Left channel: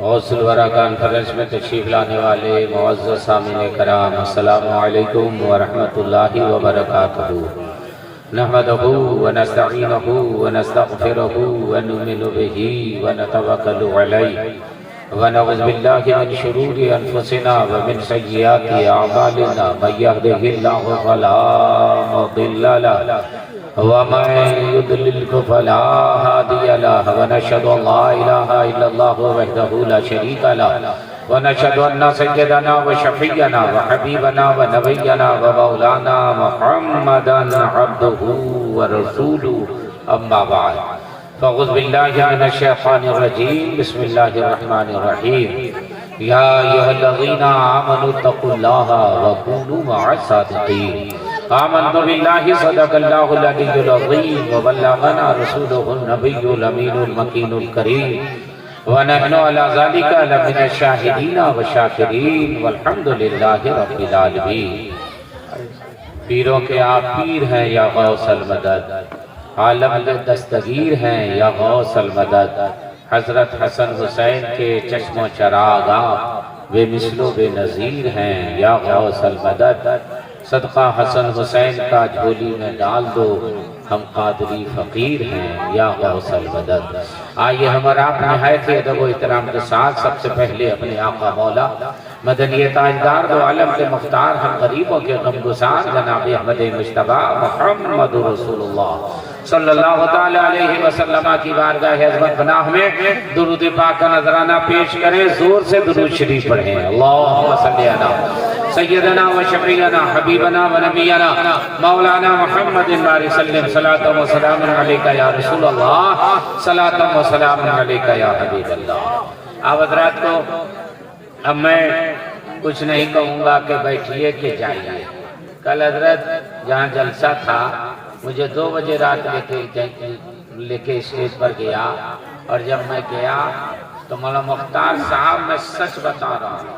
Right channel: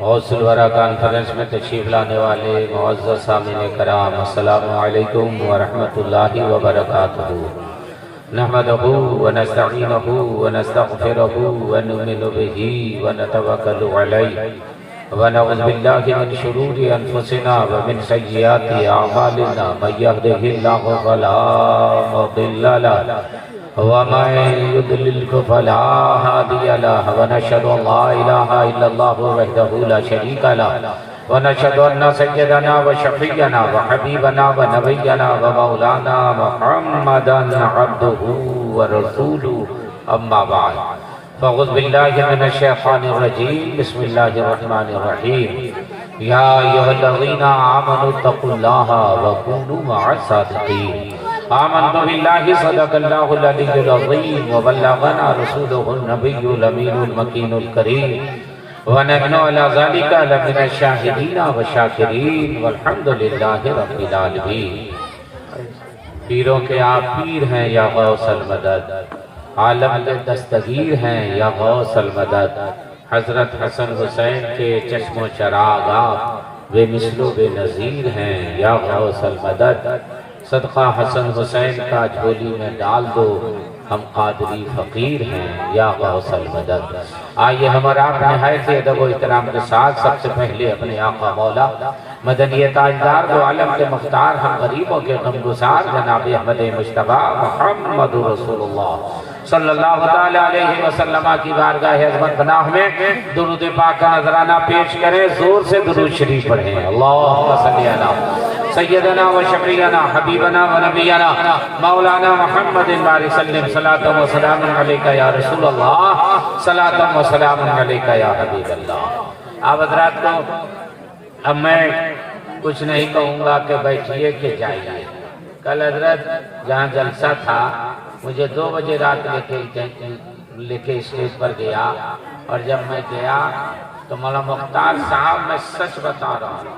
गौसुल वरा कॉन्फ्रेंस में तशरीफ लाने वाले मुअज़्ज़ज़ सामीन कराम, अस्सलामु अलैकुम व रहमतुल्लाहि व बरकातुहू। नहमदुहू व नस्तईनुहु व नस्तगफिरुहू व नुमिनु बिही व नतवक्कलु अलैहि व नऊज़ु बिल्लाहि मिन शुरूरि अनफुसिना व मिन सय्यिआति अअमालिना मन यहदिहिल्लाहु फला मुदिल्ल लहु व मन युद्लिल फला हादिय लहु व नशहदु अल्ला इलाहा इल्लल्लाहु वहदहू ला शरीका लहु व नशहदु अन्ना सय्यदना व शफीअना व हबीबना व नबियना व मौलाना मुहम्मदन अब्दुहू व रसूलुहू अम्मा बाद फ़अऊज़ु बिल्लाहि मिनश शैतानिर रजीम बिस्मिल्लाहिर रहमानिर रहीम या अय्युहल्लज़ीना आमनू तक़ुल्लाहा व कूनू मअस सादिक़ीन आमन्तु बिल्लाहि सदक़ल्लाहुल अलिय्युल अज़ीम व बल्लगना रसूलुहुन नबिय्युल अमीनुल मकीनुल करीम व नहनु अला ज़ालिका लमिनश शाहिदीन व शाकिरीन वल्हम्दुलिल्लाहि रब्बिल आलमीन। पीरों के आप पीर हैं या गौसल मदद, आलम के दस्तगीर हैं या गौसल मदद। हजरत हसन हुसैन के चश्मो चराग आप बेमिसलो बेनज़ीर हैं या गौसल मदद। सदका हसन हुसैन का झोली में डाल दो, हम कादरी फकीर हैं या गौसल मदद। आइए हमारा आप नहायत अदब व इहतराम के साथ सबसे पहले अपने आका मौला मदनी ताजदार दो आलम के मुख्तार हम गरीबों के गमगुसार जनाब अहमद मुश्तबा मुहम्मद रसूलुल्लाह सल्लल्लाहु तआला अलैहि वसल्लम की बारगाह अज़मत पनाह में दुरूद पाक का नजराना पेश करें। जोर से दुरूद शरीफ पढ़ें। अल्लाहुम्मा सल्ली अला सय्यदना व शफीअना हबीबना व नबियना मौलाना मुहम्मदिन बारिक सल्लम सलातो व सलाम अलैका या रसूलल्लाह सलातो व सलाम अलैका या हबीबल्लाह। आप हज़रात को अब मैं कुछ नहीं कहूँगा कि बैठिए कि जाइए। कल हजरत जहाँ जलसा था मुझे 2 बजे रात लेके स्टेज पर गया और जब मैं गया तो मौला मुख्तार साहब, मैं सच बता रहा हूँ,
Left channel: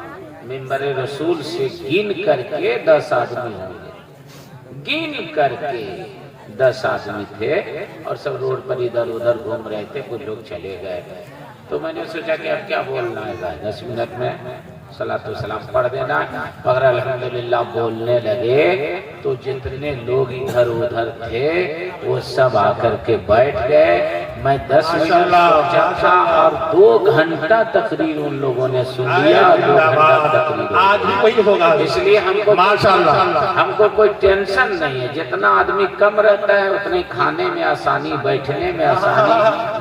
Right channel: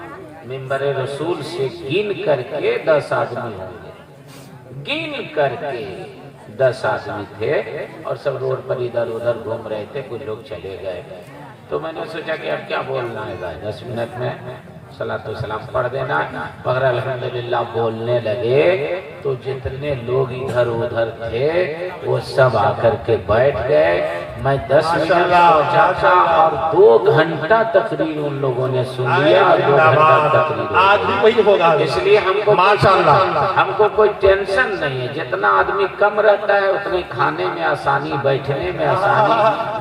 मिंबरे रसूल से गिन करके 10 आदमी होंगे, गिन करके 10 आदमी थे और सब रोड पर इधर उधर घूम रहे थे। कुछ लोग चले गए तो मैंने सोचा कि अब क्या बोलना है, 10 मिनट में सलातो सलाम पढ़ देना। मगर अल्हम्दुलिल्लाह बोलने लगे तो जितने लोग इधर उधर थे वो सब आकर के बैठ गए। मैं 10 मिनट सोचा था और 2 घंटा तकरीर उन लोगों ने सुन लिया। 2 घंटा तकरीर आज भी वही होगा, इसलिए हमको माशाअल्लाह हमको कोई टेंशन नहीं है। जितना आदमी कम रहता है उतने खाने में आसानी, बैठने में आसानी,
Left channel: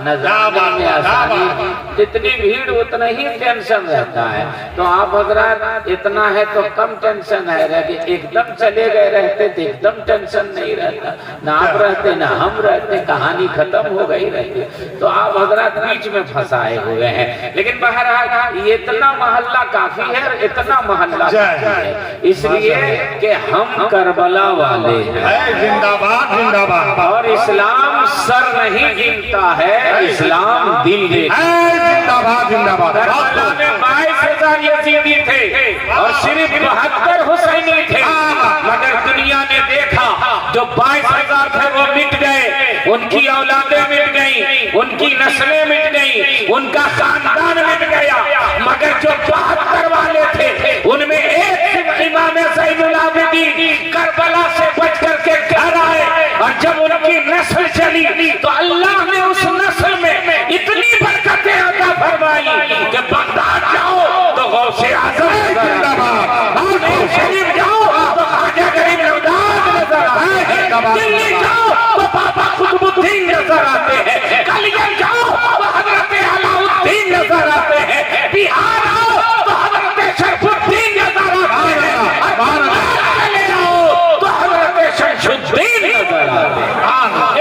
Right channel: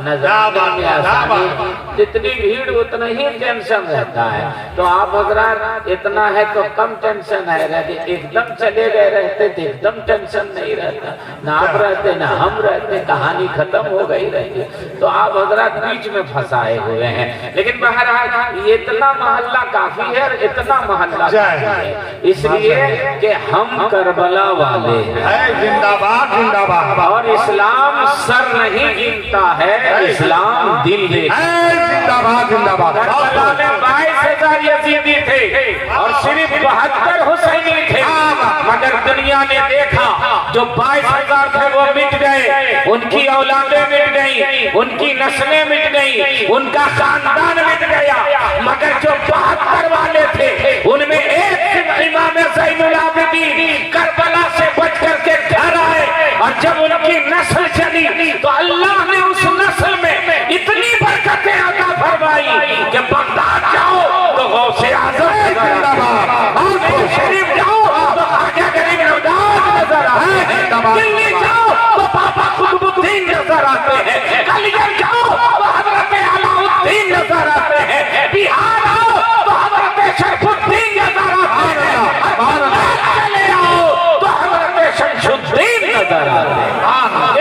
नज़ारे में आसानी, जितनी भीड़ उतना ही टेंशन रहता है। तो आप हज़रात इतना है तो कम टेंशन है, एकदम चले गए रहते तो एकदम टेंशन नहीं रहता, ना आप रहते ना हम रहते, कहानी खत्म हो गई रहती। तो आप हज़रात बीच में फंसाए हुए हैं। लेकिन बहरहाल इतना मोहल्ला काफी है, इतना मोहल्ला है इसलिए कि हम करबला वाले हैं। जिंदाबाद जिंदाबाद। और इस्लाम सर नहीं गिनता है, इस्लाम दिल देता है। जिंदाबाद जिंदाबाद। 22,000 यजीदी थे और सिर्फ 72 हुसैनी थे। मगर दुनिया ने देखा जो 22,000 थे वो मिट गए, उनकी औलादें मिट गई, उनकी नस्लें मिट गई, उनका खानदान मिट गया। मगर जो 72 वाले थे उनमें एक सिर्फ इमाम ज़ैनुल आबिदीन करबला से बच करके घर आए। और जब उनकी नस्ल चली तो अल्लाह ने उस नस्ल में इतनी बरकतें अता फरमाई कि बगदाद जाओ तो गौसे आज़म जिंदाबाद, और शरीफ जाओ तो आगे गरीब नवाज नजर आते हैं, दिल्ली जाओ तो बाबा कुतुबुद्दीन नजर आते हैं, कलिया जाओ तो हजरत अलाउद्दीन नजर आते हैं, बिहार आओ तो हजरत शरफुद्दीन नजर आते हैं, चले आओ तो हजरत शमशुद्दीन नजर आते हैं।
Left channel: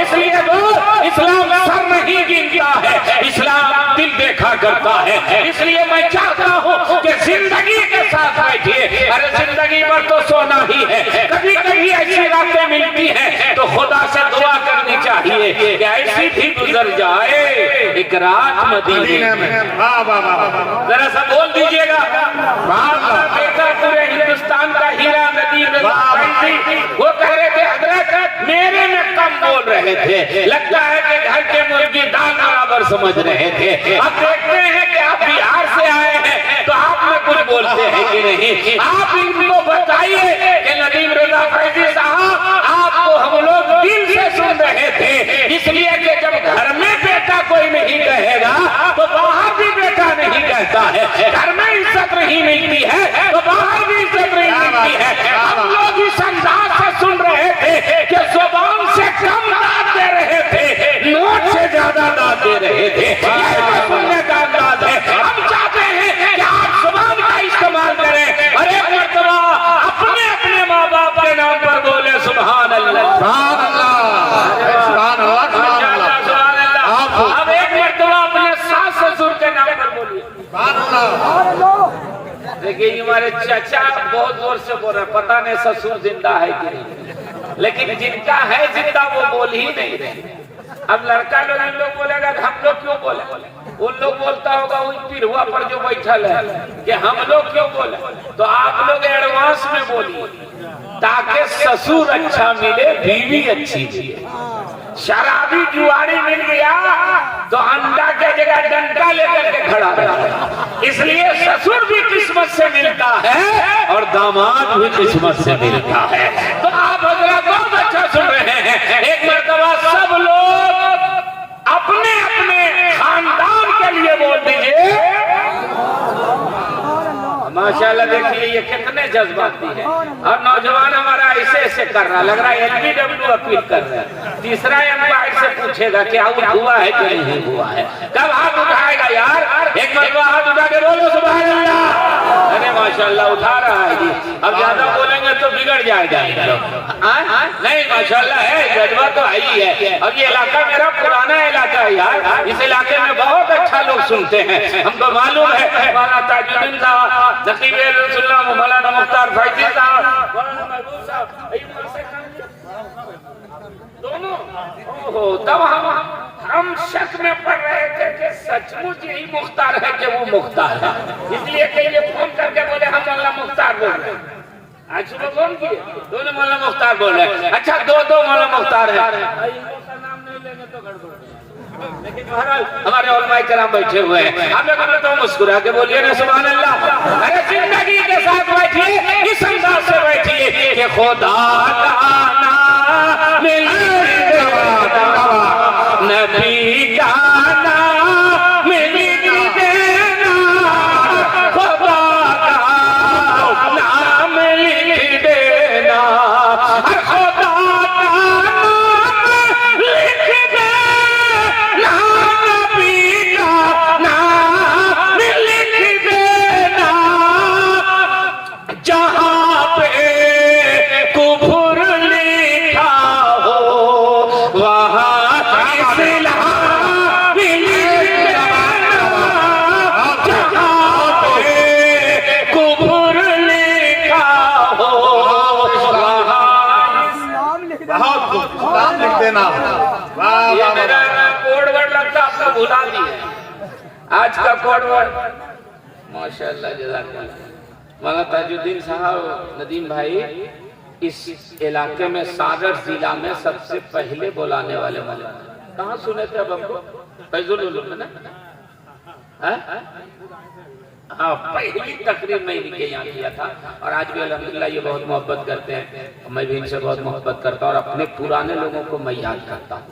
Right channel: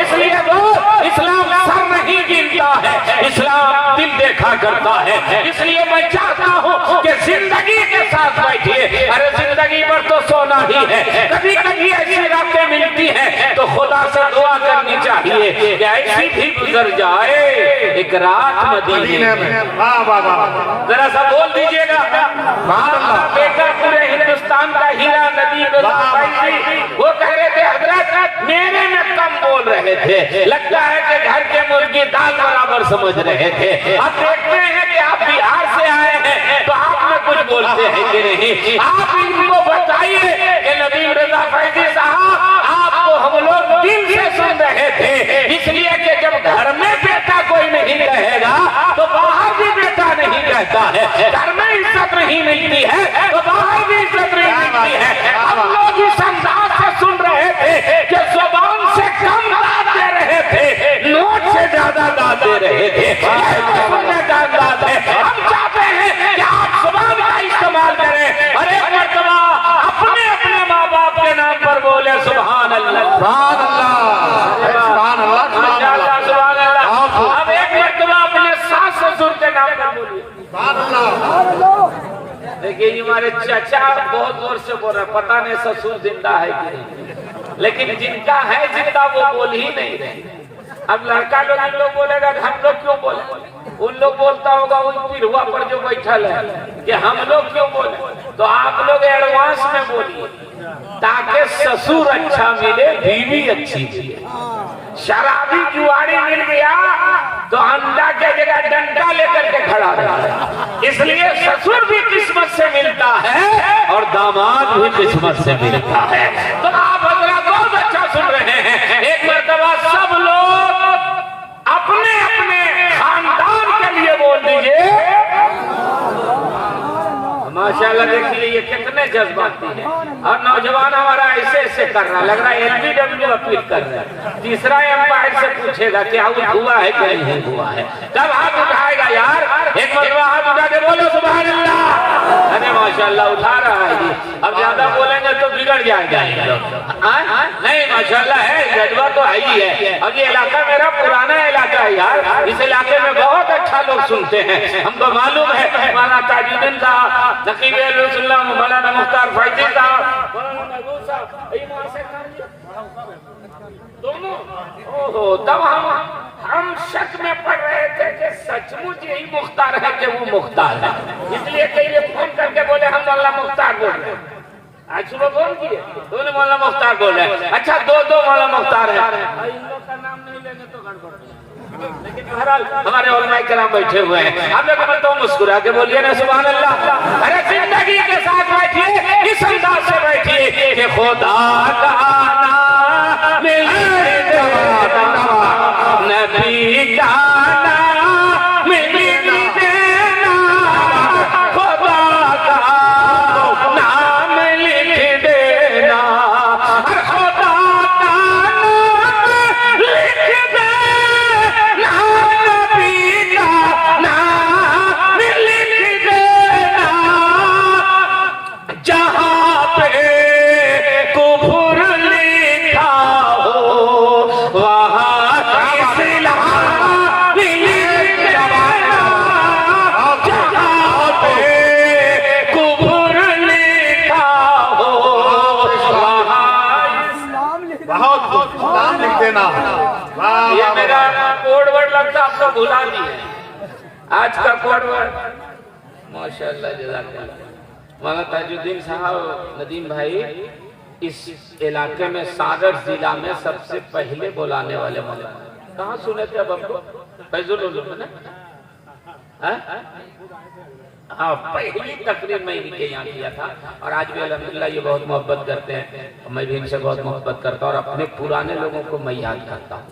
इसलिए तो इस्लाम सर नहीं गिनता है, इस्लाम दिल देखा करता है। इसलिए मैं चाहता हूँ कि जिंदगी के साथ बैठिए। अरे जिंदगी पर तो सोना ही है, कभी कभी ऐसी रातें मिलती हैं तो खुदा से दुआ करनी चाहिए कि ऐसी भी गुजर जाए एक रात मदीने में। जरा सा बोल दीजिएगा, बेटा पूरे हिंदुस्तान का हीरा नदी में वो कह रहे थे हजरत मेरे में कम बोल रहे थे, लगता है कि घर के मूंग की दाल बराबर समझ रहे थे। अब देखते हैं कि आप बिहार से आए हैं तो आप में कुछ बोलते हैं कि नहीं। आप इनको बताइए कि नदीम रजा फैजी साहब आपको हम लोग दिल से सुन रहे थे, इसलिए कि जब घर में बेटा कोई नहीं कहेगा तो बाहर भी बेटा नहीं कहता है। घर में इज्जत नहीं मिलती है तो बाहर भी इज्जत नहीं मिलती है। हम लोग इस अंदाज से सुन रहे थे कि जुबान से कम दाद दे रहे थे, नोट से ज्यादा दाद दे रहे थे। सुनने का अंदाज है। हम चाहते हैं कि आप जुबान का इस्तेमाल करें और एक मरतबा अपने अपने माँ बाप के नाम पर बोले सुभान अल्लाह, सुभान अल्लाह, सुभान अल्लाह, सुभान अल्लाह। अब एक मरतबा अपने सास ससुर के नाम पर बोलिए सुभान अल्लाह। देखिए हमारे चाचा बहुत जोर से बोल रहे, पता नहीं ससुर जिंदा है कि नहीं, लेकिन जिनका है जिंदा वो बोल ही नहीं रहे। अब लड़का लोग इन लोग बोलेगा हम लोग क्यों बोले, उन लोग बोलता होगा उन पिरुआ पर जो बैठल है कि हम लोग क्यों बोले। तो आप लोग एडवांस में बोलिए ताकि ससुर अच्छा मिले, बीवी अच्छी मिले। शराबी जुआरी मिल गया तो अंडा के जगह डंडा लेकर के खड़ा रहा। इसलिए ससुर भी किस्मत से मिलता है और दामाद भी किस्मत से मिलता है। तो आप हजरत बहुत अच्छा सुन रहे हैं। एक मरतबा सब लोग अपने अपने खानदान के लिए बोल दीजिए माशाल्लाह। देखिए ये कितने जज्बाती है और नौजवान हमारा ऐसे ऐसे कर रहा है, लग रहा है एलबीडब्ल्यू अपील कर रहा है। तीसरा एम्पायर से पूछेगा कि आउट हुआ है कि नहीं हुआ है, कब हाथ उठाएगा यार। एक बार हाथ उठा के बोलो सुभान अल्लाह। अरे माशाल्लाह उठा रहा है जी। अब ज्यादा बोलेंगे तो बिगड़ जाएगा। नहीं माशाल्लाह है, जज्बा तो है ही है। अब ये इलाका मेरा पुराना इलाका है यार, इस इलाके में बहुत अच्छा लोग सुनते हैं। हमको मालूम है मौलाना ताजुद्दीन साहब, नकीब अल्लाह मौलाना मुख्तार फैजी साहब, मौलाना महबूब साहब, दोनों। ओहो, तब हम शक में पड़ रहे थे कि सचमुच यही मुख्तार है कि वो मुख्तार है। इसलिए कई ने फोन करके बोले हम मौलाना मुख्तार बोल रहे हैं। आज सुबह फोन किए दोनों मौलाना मुख्तार बोले। अच्छा दो मौलाना मुख्तार है, इन लोग का नाम नहीं लेंगे तो गड़बड़ हो जाएगा। लेकिन बहरहाल हमारे उलमाए किराम बैठे हुए हैं। हम एक मरतबा मुस्कुरा के बोलिए ना सुभान अल्लाह। अरे जिंदगी के साथ बैठिए, इस अंदाज से बैठिए कि खुदा का नाम नबी का नाम लिख देना, खुदा का नाम लिख देना, खुदा का नाम लिख देना, नबी का नाम लिख देना। जहाँ पे कुफ्र लिखा हो वहाँ इस्लाम लिख देना, जहाँ पे कुफ्र लिखा हो वहाँ इस्लाम लिख देना। ये मेरा कोड वर्ड लगता आप तो भुला दिए। आज का कोड वर्ड माशाल्लाह जज़ाकल्लाह। मौलाना ताजुद्दीन साहब नदीम भाई इस इलाके में सागर जिला में सबसे पहले बुलाने वाले मौलाना। कहाँ सुने थे अब हमको? फैजुल ना? हाँ, पहली तकरीर में इनके यहाँ किया था और आज भी अल्हम्दुलिल्लाह ये बहुत मोहब्बत करते हैं। मैं भी इनसे बहुत मोहब्बत करता हूँ और अपने पुराने लोगों को मैं याद करता हूँ।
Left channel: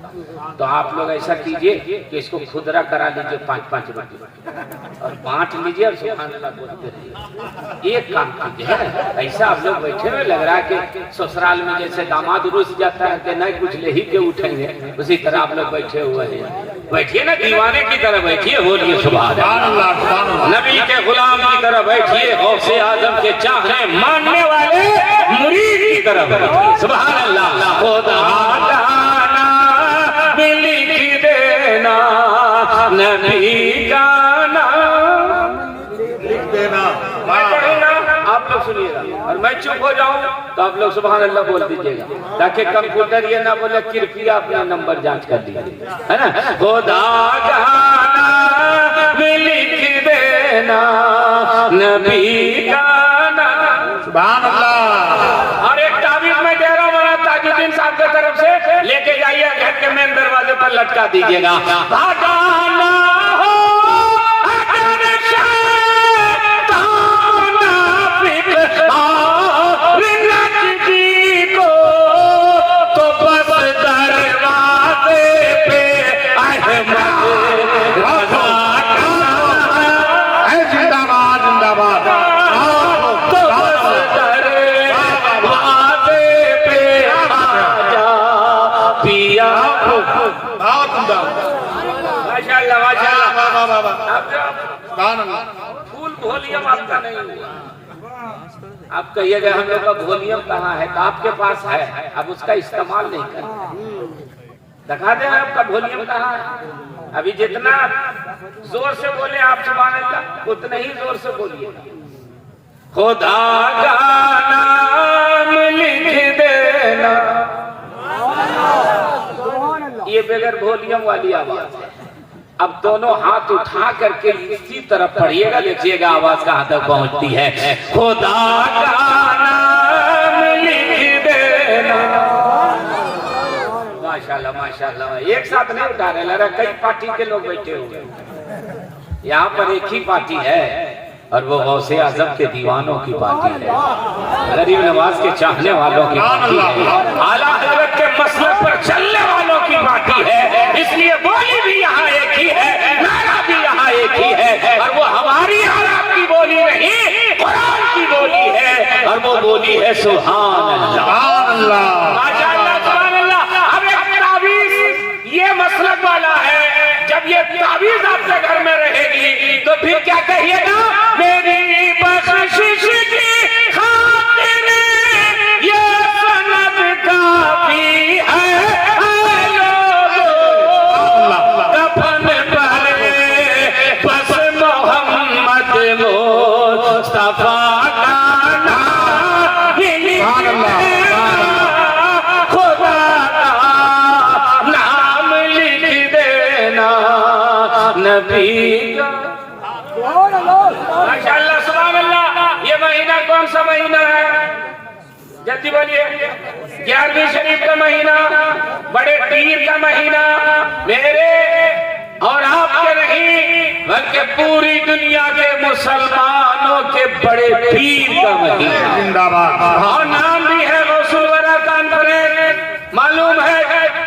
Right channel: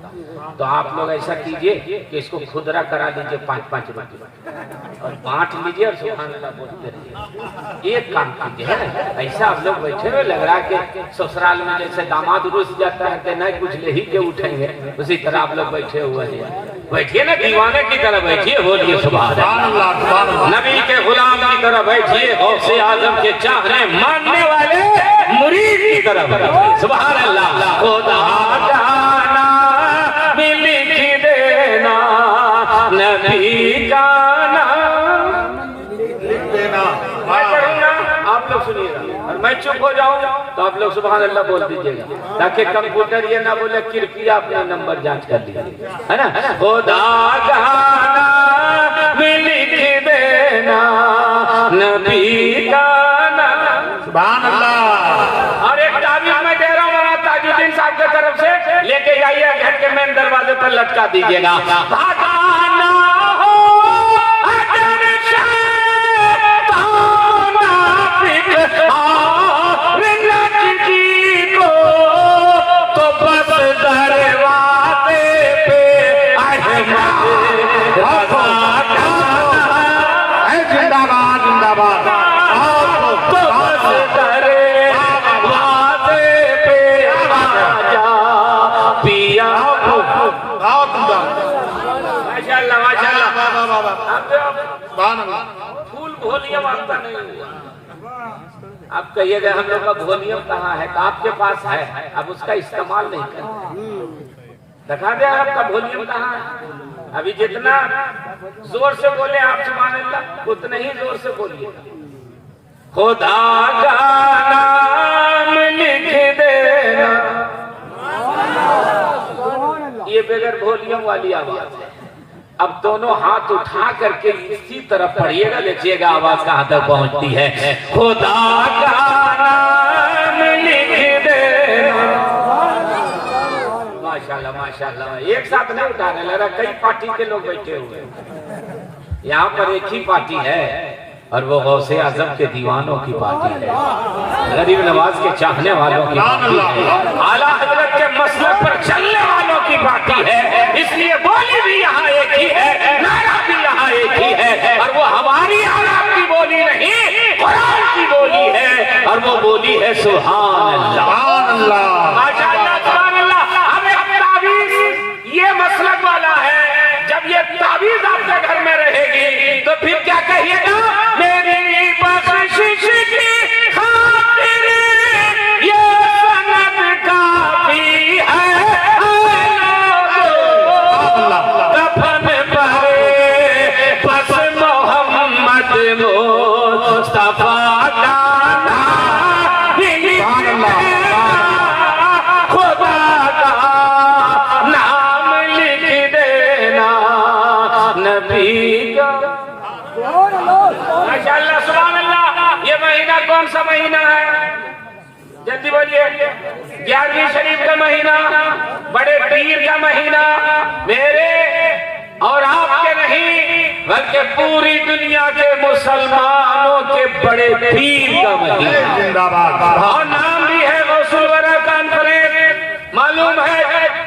तो आप लोग ऐसा कीजिए कि इसको खुदरा करा लीजिए 5-5 रुपये और बांट लीजिए और सुभान अल्लाह बोलते रहिए। एक काम कीजिए, ऐसा आप लोग बैठे हुए लग रहा है कि ससुराल में जैसे दामाद रुस जाता है कि नहीं कुछ ले ही के उठेंगे, उसी तरह आप लोग बैठे हुए हैं। बैठिए ना दीवाने की तरह बैठिए, बोलिए सुभान अल्लाह। नबी के गुलाम की तरह बैठिए, गौसे आजम के चाहने मानने वाले मुरीद की तरह बैठिए। सुभान अल्लाह। खुदा का नाम लिख देना, नबी का नाम लिख देना। आप लोग सुनिएगा और मैं चुप हो जाऊं तो आप लोग सुभान अल्लाह बोल दीजिएगा, ताकि कंप्यूटर ये ना बोले कृपया अपना नंबर जांच कर लीजिए, है ना। खुदा का नाम लिख देना, नबी का नाम। सुभान अल्लाह। और एक ताबीज में दे रहा हूं मौलाना ताजुद्दीन साहब की तरफ से, लेके जाइए घर के मेन दरवाजे पर लटका दीजिएगा। भगाना हो अगर शैतान जी को तो बस दरवाजे पे जिंदाबाद जिंदाबाद पिया माशाल्लाह माशाल्लाह। फूल वॉल्यूम आपका नहीं हुआ। आप कहिएगा हम लोग का वॉल्यूम कहाँ है? आपके पास है, अब उसका इस्तेमाल नहीं करें। दिखा दे आपका वॉल्यूम कहाँ है। अभी जितना जोर से बोले आप सुभान अल्लाह, उतना ही जोर से बोलिए। खुदा का नाम लिख देना, ये बगैर वॉल्यूम वाली आवाज है। अब दोनों हाथ उठा करके इसी तरफ पढ़िएगा, देखिएगा आवाज कहाँ तक पहुंचती है। खुदा का नाम लिख देना। माशाल्लाह माशाल्लाह। एक साथ नहीं उठा रहे, लग रहा कई पार्टी के लोग बैठे हुए। यहाँ पर एक ही पार्टी है और वो गौसे आजम के दीवानों की पार्टी है, गरीब नवाज के चाहने वालों की पार्टी है, आला हजरत के मसलों पर चलने वालों की पार्टी है। इसलिए बोली भी यहाँ एक ही है, नारा भी यहाँ एक ही है, और वो हमारी आयात की बोली नहीं, कुरान की बोली है, और वो बोली है सुभान अल्लाह। ये मसलक वाला है, जब ये ताबीज आपके घर में रहेगी तो फिर क्या कहिएगा? मेरी बख्शिश की खातिर ये सनद काफी है, कफन पहरे बस मोहम्मद मुस्तफा का नाम खुदा का नाम लिख देना नबी का। माशाअल्लाह सुभान अल्लाह। ये महीना कौन सा महीना है? जल्दी बोलिए। 11वीं शरीफ का महीना, बड़े पीर का महीना, मेरे और आपके नहीं बल्कि पूरी दुनिया के मुसलमानों के बड़े पीर का महीना। जिंदाबाद। और नाम भी है रसूल वाला कॉन्फ्रेंस। मालूम है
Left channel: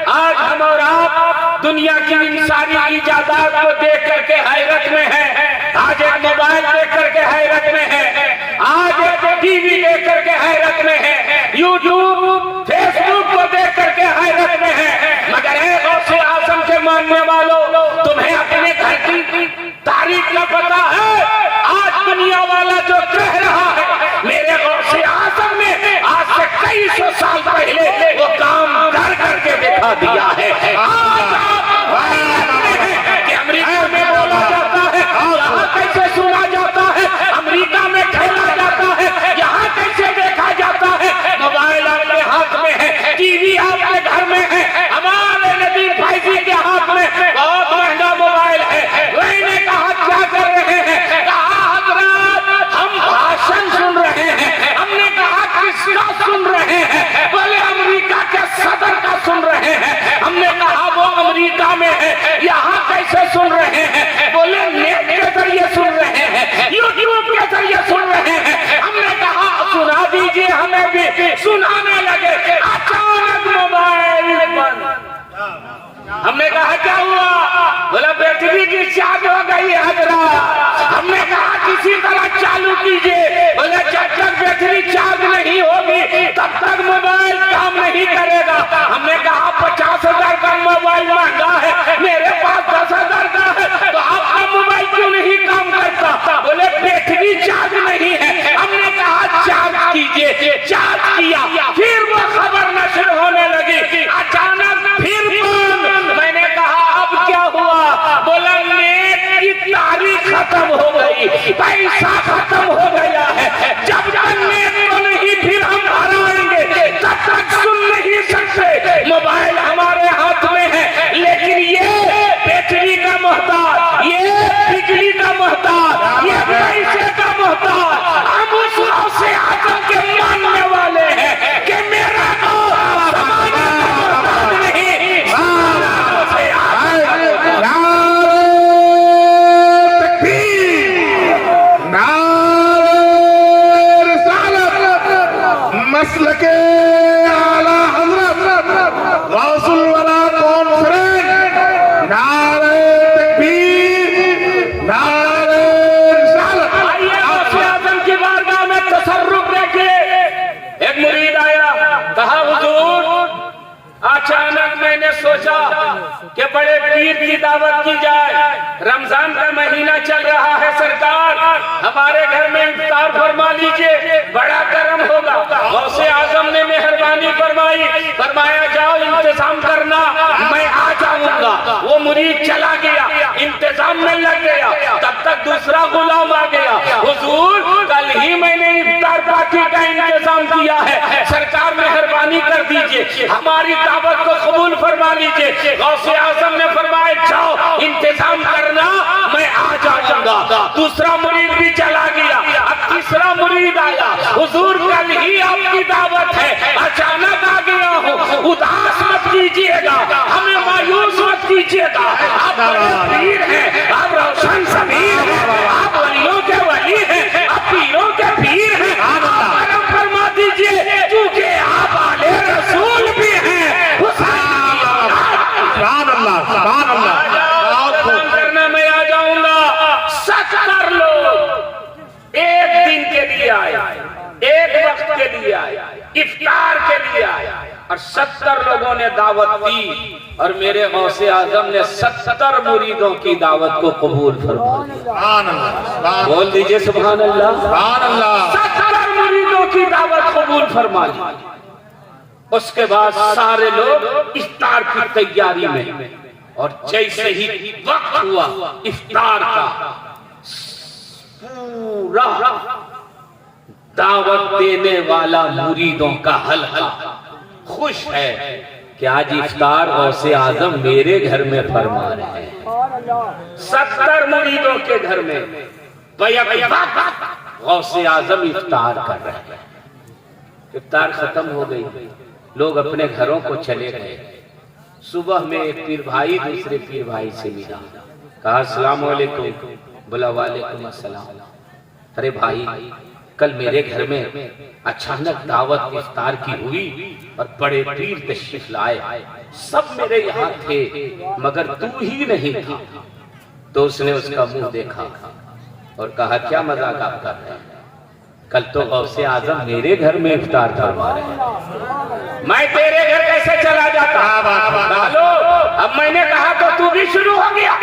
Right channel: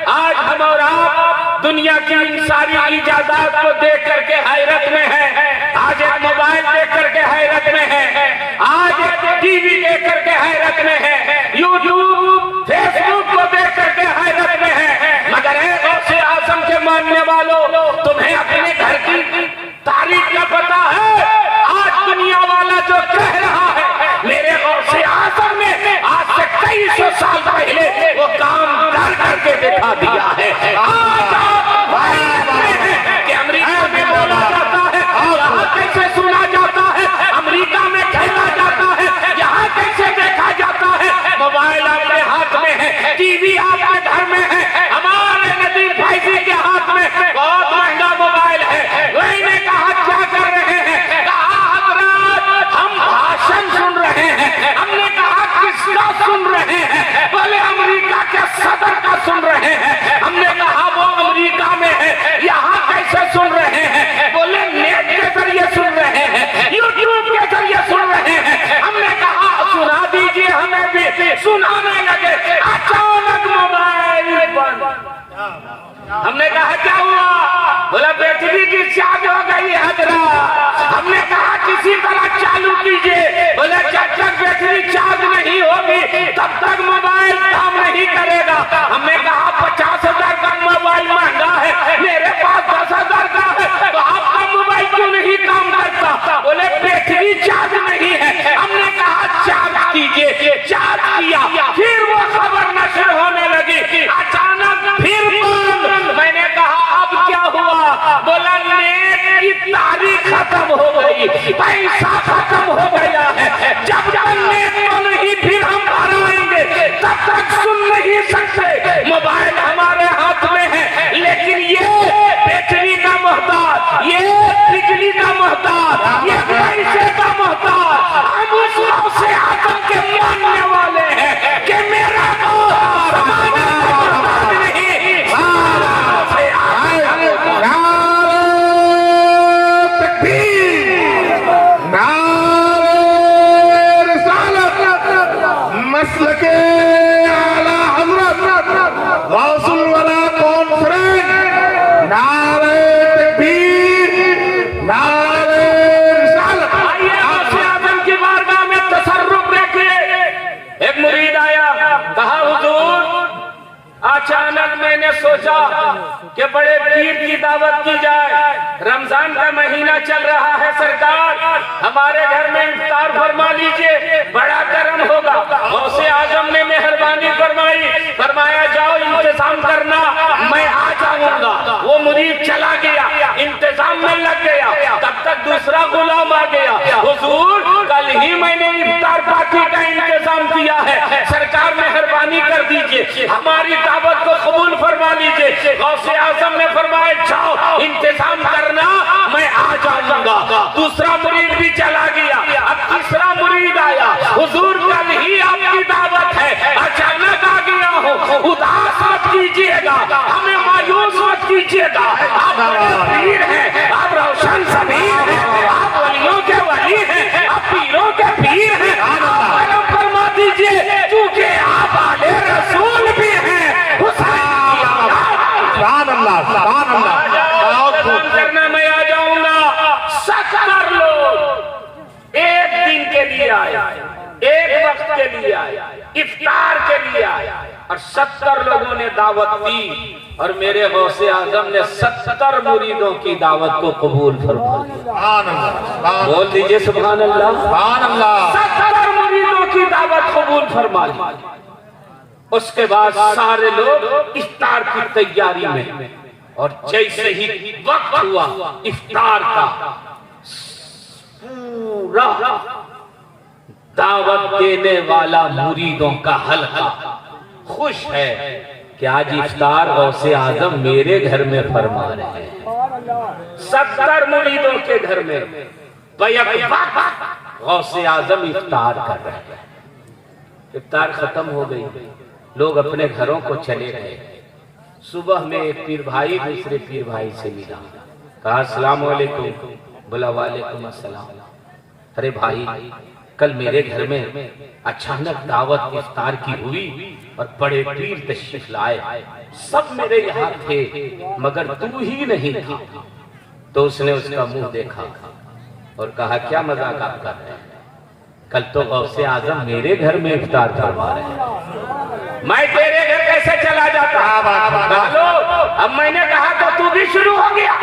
आज हमारा दुनिया की इन सारी इजाजत को देख करके हैरत में है। आज एक मोबाइल देख करके हैरत में है, आज एक टीवी देख करके हैरत में है, यूट्यूब फेसबुक को देख करके हैरत में है। मगर एक गौसे आजम के मानने वालों, तुम्हें अपने घर की तारीख का पता है? आज दुनिया वाला जो कह रहा है मेरे गौसे आजम ने आज से कई सौ साल पहले वो काम कर करके दिखा दिया है। कि अमेरिका में बोला जाता है, यहाँ कैसे सुना जाता है, अमेरिका में खेला जाता है, यहाँ कैसे देखा जाता है। मोबाइल आपके हाथ में है, टीवी आपके घर में है, हमारे नदीम भाई जी के हाथ में बहुत महंगा मोबाइल है। मैंने कहा क्या कर रहे हैं? कहा हजरत हम भाषण सुन रहे हैं। हमने कहा किसका सुन रहे हैं? बोले अमेरिका के सदर का सुन रहे हैं। हमने कहा वो अमेरिका में है, यहाँ कैसे सुन रहे हैं? बोले नेट के जरिए सुन रहे हैं, यूट्यूब के जरिए सुन रहे हैं। हमने कहा सुना दीजिए, हमें भी सुनाने लगे। अचानक मोबाइल बंद। हमने कहा क्या हुआ? बोला बैटरी की चार्ज हो गई है हजरत। हमने कहा किसी तरह चालू कीजिए। बोले जब तक बैटरी चार्ज नहीं होगी तब तक मोबाइल काम नहीं करेगा। हमने कहा 50,000 का मोबाइल महंगा है, मेरे पास 10,000 का है, तो आपका मोबाइल क्यों नहीं काम करता? बोले बैटरी चार्ज नहीं है। हमने कहा चार्ज कीजिए। चार्ज किया, फिर वो खबर नशर होने लगी। अचानक फिर बंद। मैंने कहा अब क्या हुआ? बोला नेट की तारीख खत्म हो गई, पैसा खत्म हो गया है। जब तक नेट को नहीं फिर हम भरेंगे तब तक अचानक मैंने सोचा कि बड़े पीर की दावत की जाए। रमजान का महीना चल रहा है, सरकार हमारे घर में इफ्तार फरमा लीजिए, बड़ा करम होगा। गौसे आजम ने मेहरबानी फरमाई, फरमाया जाओ इंतजाम करना, मैं आ जाऊंगा। वो मुरीद चला गया, इंतजाम में लग गया। तब तक दूसरा गुलाम आ गया, हुजूर कल ही मैंने इफ्तार पार्टी का इंतजाम किया है, सरकार मेहरबानी कर दीजिए, हमारी दावत को कबूल फरमा लीजिए। गौसे आजम ने फरमाया जाओ इंतजाम करना, मैं आ जाऊंगा। दूसरा मुरीद भी चला गया, अब तीसरा मुरीद आया, हुजूर कल ही आपकी दावत है, अचानक आ गया हूँ, उदास मत कीजिएगा, हमें मायूस मत कीजिएगा। आप पीर हैं, आप रोशन सबीर हैं, आप वलियों के वली हैं, आप पीरों के पीर हैं, आप फरमा दीजिए क्योंकि आप आले रसूल भी हैं। करने में आ जाऊंगा। 70 लोग एक दिन के लिए आया, एक वक्त के लिए आया, इफ्तार के लिए आया, और 70 लोगों ने दावत दी, और मेरे गौसे आजम ने 70 मुरीदों की दावत को कबूल फरमा। बोल दीजिए सुभान अल्लाह। 70 मुरीदों की दावत कबूल फरमा ली। उसके बाद सारे लोग इफ्तार की तैयारी में, और जैसे ही वक्त हुआ इफ्तार का, पूरा दावत देने वाला मुरीदों का हल्का खुश है कि आज इफ्तार गौसे आजम मेरे घर में फरमा रहे हैं। 70 मुरीदों के घर में गौसे आजम इफ्तार कर रहे हैं। इफ्तार खत्म हो गई, लोग अपने घरों को चले गए। सुबह में एक पीर भाई दूसरे पीर भाई से मिला, कहा अस्सलाम वालेकुम। बोला वालेकुम अस्सलाम। अरे भाई, कल मेरे घर में अचानक दावत इफ्तार की हुई और बड़े पीर तशरीफ लाए, सब मेरे यहाँ थे मगर तू ही नहीं था। तो उसने उसका मुंह देखा और कहा क्या मजाक आप कर रहे हैं, कल तो गौसे आजम मेरे घर में इफ्तार फरमा रहे हैं, मैं तेरे घर कैसे चला जाता। अब मैंने कहा तो तू भी शुरू हो गया,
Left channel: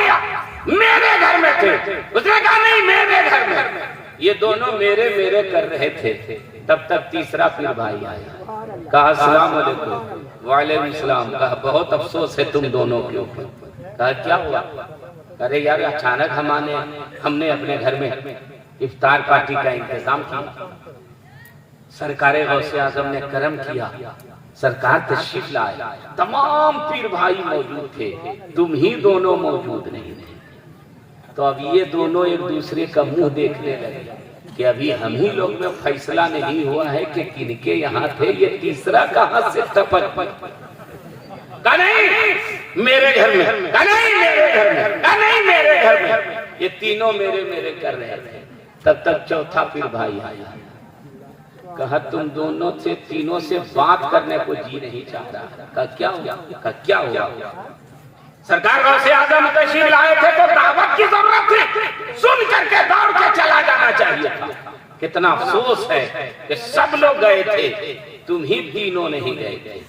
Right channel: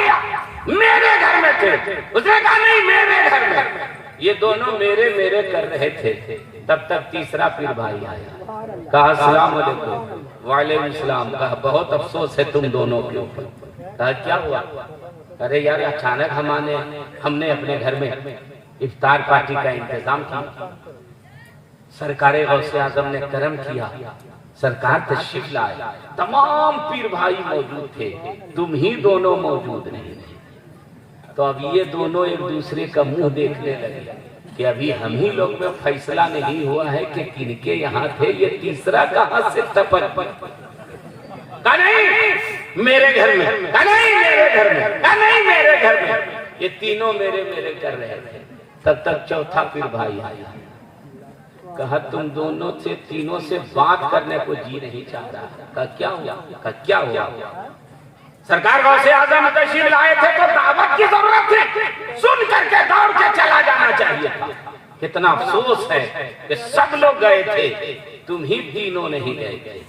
मेरे घर में थे। उसने कहा नहीं मेरे घर में। ये दोनों मेरे मेरे कर रहे थे। तब तक तीसरा पीर भाई आया, कहा अस्सलाम वालेकुम। वालेकुम सलाम। कहा बहुत अफसोस है तुम दोनों के ऊपर। कहा क्या हुआ। अरे यार अचानक हमने अपने घर में इफ्तार पार्टी का इंतजाम किया, सरकार गौसे आजम ने करम किया, सरकार तशरीफ लाए, तमाम पीर भाई मौजूद थे, तुम ही दोनों मौजूद नहीं थे। तो अब ये दोनों एक दूसरे का मुंह देखने लगे कि अभी हम ही लोग में फैसला नहीं हुआ है कि किनके यहाँ थे, ये तीसरा कहाँ से टपक। नहीं मेरे घर में, नहीं मेरे घर में, नहीं मेरे घर में। ये तीनों मेरे मेरे कर रहे थे। तब तक चौथा पीर भाई आया, कहा तुम दोनों से तीनों से बात करने को जी नहीं चाहता। कहा क्या हुआ। कहा क्या हुआ। सरकार गौसे आजम तशरीफ लाए थे तो दावत की जरूरत थी, सुन करके दौड़ के चला जाना चाहिए था। कितना अफसोस है कि सब लोग गए थे, तुम ही तीनों नहीं गए।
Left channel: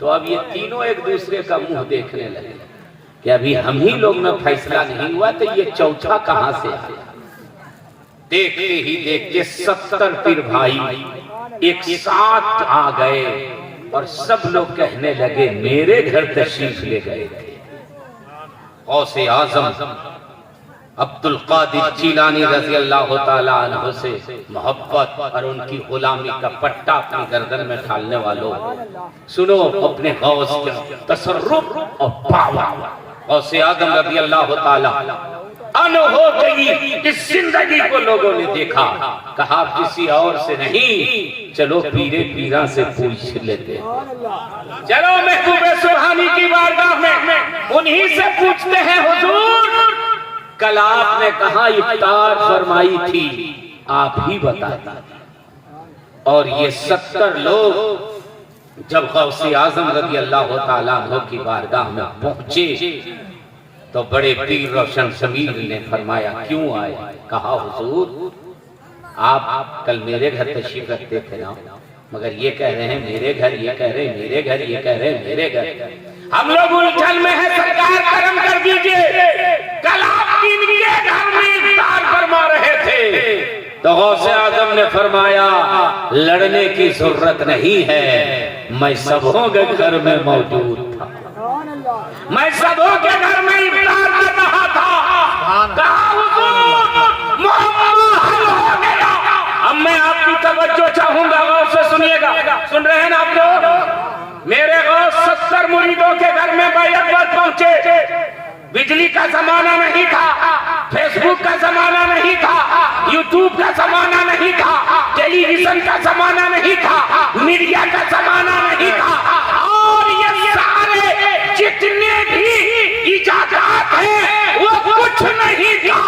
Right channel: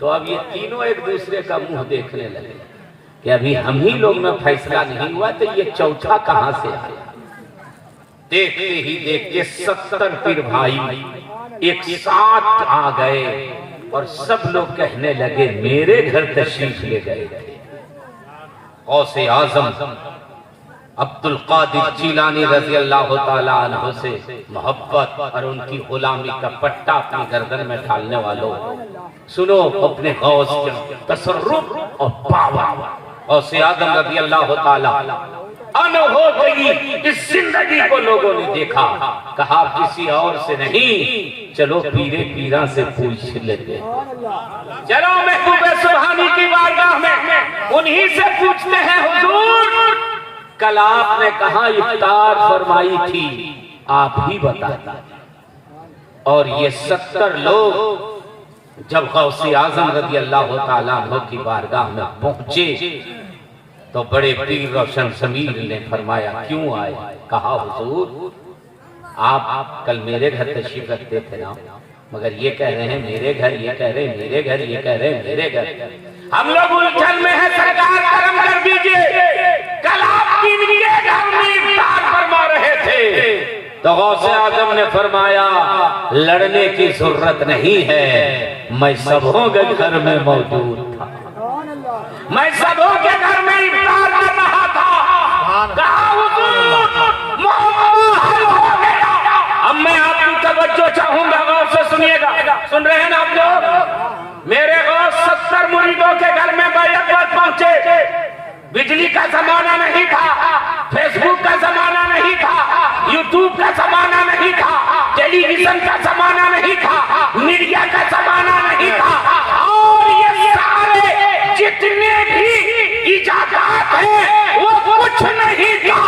तो अब ये तीनों एक दूसरे का मुंह देखने लगे कि अभी हम ही लोग में फैसला नहीं हुआ, तो ये चौथा कहां से आया। देखते ही देखते 70 पीर भाई एक साथ आ गए और सब लोग कहने लगे मेरे घर तशरीफ ले गए थे। गौसे आजम अब्दुल कादिर जिलानी रजी अल्लाह तआला अन्हु से मोहब्बत और उनकी गुलामी का पट्टा अपनी गर्दन में डालने वालों, सुनो अपने गौस के तसर्रुफ और पावर। गौसे आजम रजी अल्लाह तआला अन्हु हो गई। इस जिंदगी को लोगों ने देखा, कहा किसी और से नहीं, चलो पीरे पीरा से पूछ लेते, चलो महबूबे सुभानी की बारगाह में उन्हीं से पूछते हैं। हुजूर कल आपने कहा इफ्तार फरमाई थी, आप ही बता। और ये 70 लोग जब गौसे आजम रज़ी अल्लाह तआला अन्हु की बारगाह में पहुंचे तो बड़े पीर रोशन समीर ने फरमाया क्यों आए। कहा हुजूर आप कल मेरे घर तशरीफ रखते थे ना, मगर ये कह रहे हैं मेरे घर, ये कह रहे हैं मेरे घर, ये कह रहे हैं मेरे घर। हम लोग उलझन में है, सरकार करम कर दीजिए। कल आप इनके घर में इफ्तार फरमा रहे थे तो गौसे आजम ने फरमाया लड़ने की जरूरत नहीं है, मैं सबों के घर में मौजूद था, मैं सबों के घर में इफ्तार कर रहा था। कहा हुजूर मोहम्मद हल हो गया। अब मैं आपकी तवज्जो चाहूंगा, गौर से सुनिएगा। सुन रहे हैं ना आप लोग? मेरे गौर 70 मुरीदों के घर में बैठक पर पहुंचे। बिजली का जमाना नहीं था, फेसबुक का जमाना नहीं था, यूट्यूब का जमाना नहीं था, टेलीविजन का जमाना नहीं था, मीडिया का जमाना नहीं था। और ये सारे जितने भी इजाजत हैं वो कुछ नहीं था,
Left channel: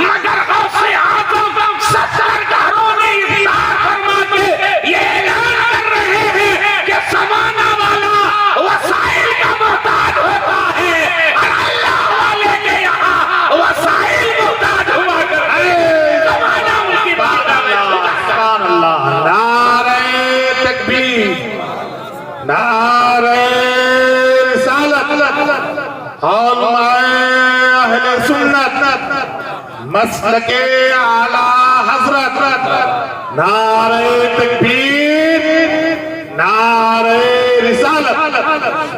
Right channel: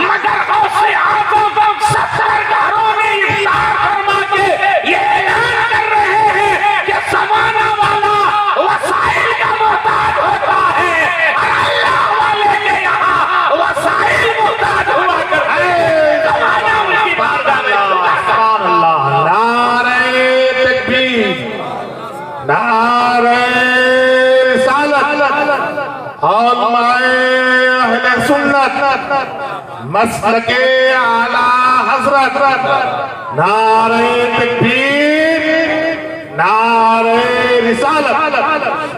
मगर गौसे आजम 70 घरों में इफ्तार फरमा के ये ऐलान कर रहे हैं कि जमाना वाला वसाइल का मोहताज होता है और अल्लाह वाले के यहाँ वसाइल मोहताज हुआ करते हैं। जमाना उनकी बारगाह में सुभान अल्लाह। नारे तकबीर, नारे रिसालत, हम अहले सुन्नत मसलके आला हजरत। नारे तकबीर, नारे रिसालत।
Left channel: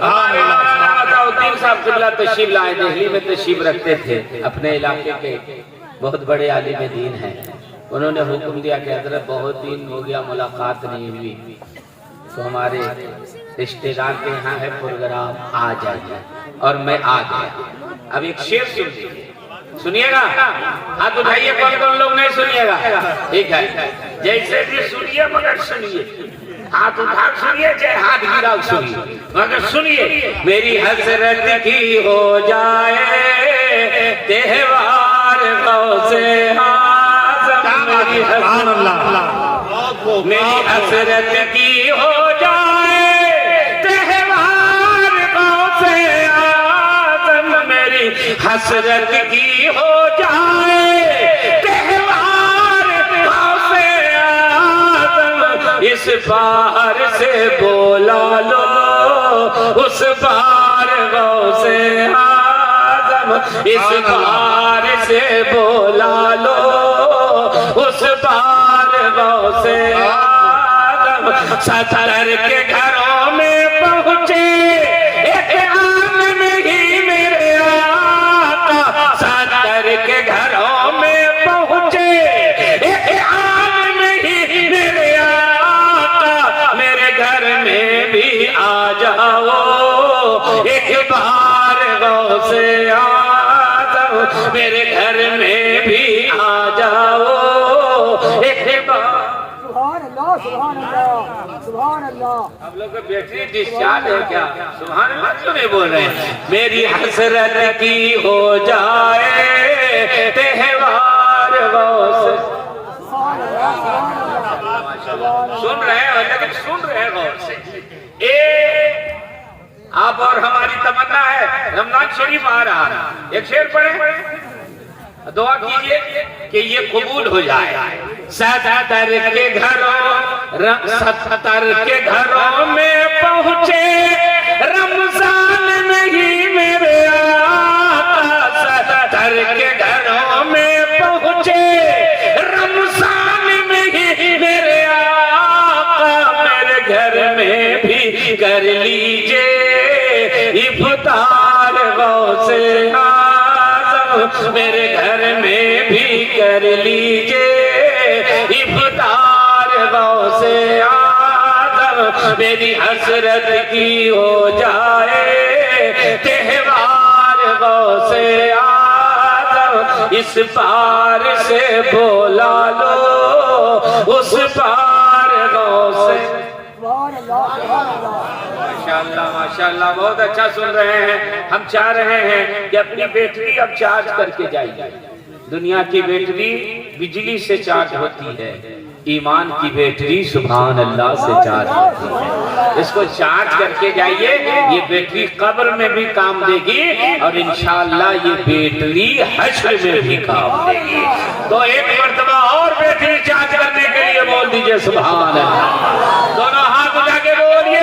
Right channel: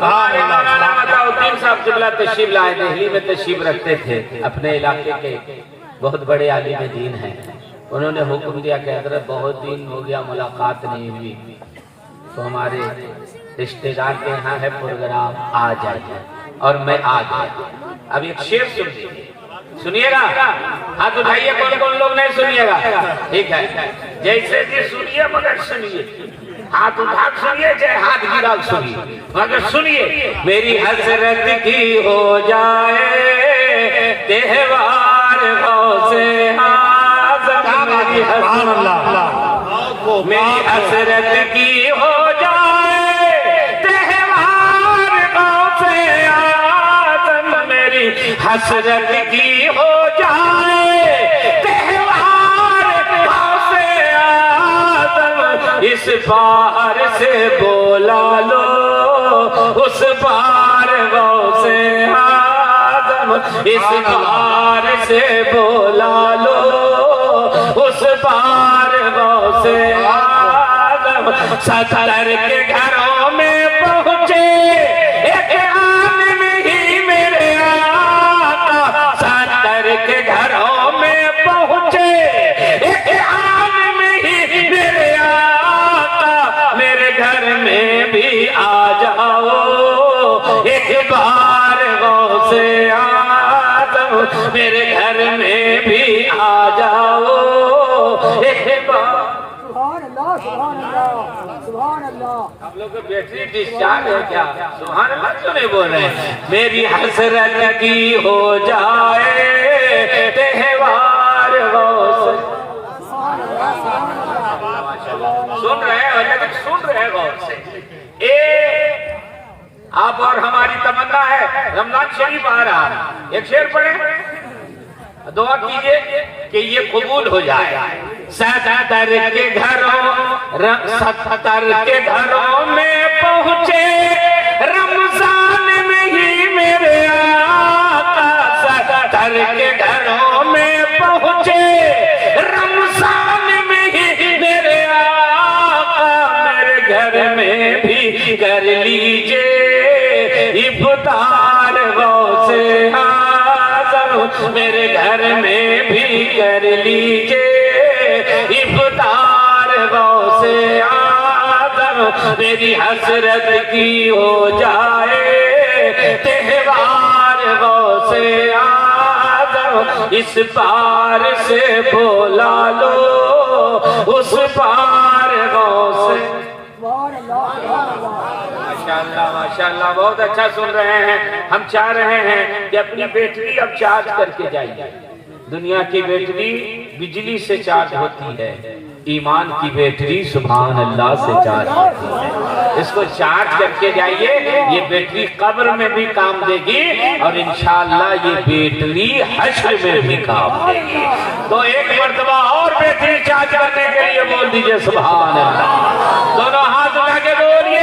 अलाउद्दीन साहब किबला तशरीफ लाए, दिल्ली में तशरीफ रखते थे। अपने इलाके के बहुत बड़े आलिम दीन हैं। उन्होंने हुक्म दिया कि हजरत बहुत दिन हो गया मुलाकात नहीं हुई, तो हमारे रिश्तेदार के यहाँ है प्रोग्राम, आ जाइए। और मैं आ गया। अब एक शेर सुनिएगा। हाँ तो भाई ये कौन कौन लोग नहीं सुनिएगा? ठीक है, जैसे भी सुनिए मगर सुनिए, हाथ उठा सुनिए चाहे हाथ गिरा सुनिए, मगर सुनिए। मेरी हसरत की हो जाए त्योहार गौसे आज़म, मेरी हसरत की हो जाए त्योहार गौसे आज़म, मेरी हसरत की हो जाए त्योहार गौसे आज़म। इस बार से बोला लो उस बार गौसे आज़म, इस बार से बोला लो उस बार गौसे आज़म। 70 के घरों में पहुंचे एक आन नहीं मेरे आका, 70 के घरों में पहुंचे एक आन नहीं मेरे आका। मेरे घर में भी आ जाओ एक बार गौसे आज़म, मेरे घर में भी आ जाओ एक बार। सुभान अल्लाह, सुभान अल्लाह, सुभान अल्लाह। आप लोग का बैटरी डिस्चार्ज है क्या? सुभान अल्लाह क्यों नहीं बोल रहे हैं? मेरी हसरत की हो जाए त्योहार गौसे। सुभान अल्लाह, सुभान अल्लाह, सुभान अल्लाह। सुन रहे हैं लेकिन सुन रहे हैं गौर से। आप और हमारी तमन्ना है, रमजान शरीफ आ रहा है, एक शेर पढ़े, दुआ कीजिए कि ये कबूल हो जाए। 70 के घरों 70 के घरों में पहुंचे रमजान में ही मेरे आका, 70 के घरों में पहुंचे रमजान में ही मेरे आका। मेरे घर में भी कर लीजिए इफ्तार गौसे आज़म, मेरे घर में भी कर लीजिए इफ्तार गौसे आज़म। मेरी हसरत की हो जाए त्योहार गौसे आज़म। इस पार से बोला लो उस पार गौसे। सुभान अल्लाह, सुभान अल्लाह। माशाअल्लाह माशाअल्लाह, बहुत अच्छा सुन रहे हैं। हम चाह रहे हैं कि अपनी बैटरी अब चार्ज करके जाइए। दुनिया की बैटरी बिजली से चार्ज होती है, ईमान की बैटरी सुभान अल्लाह से चार्ज होती है। इसको चार्ज करके जाइए, ये बैटरी कब्र में भी काम देगी और इंशाअल्लाह ये बैटरी हश्र में भी काम देगी। तो एक मर्तबा और बैटरी चार्ज करने के लिए बोल दीजिए सुभान अल्लाह। दोनों हाथ उठा के बोलिए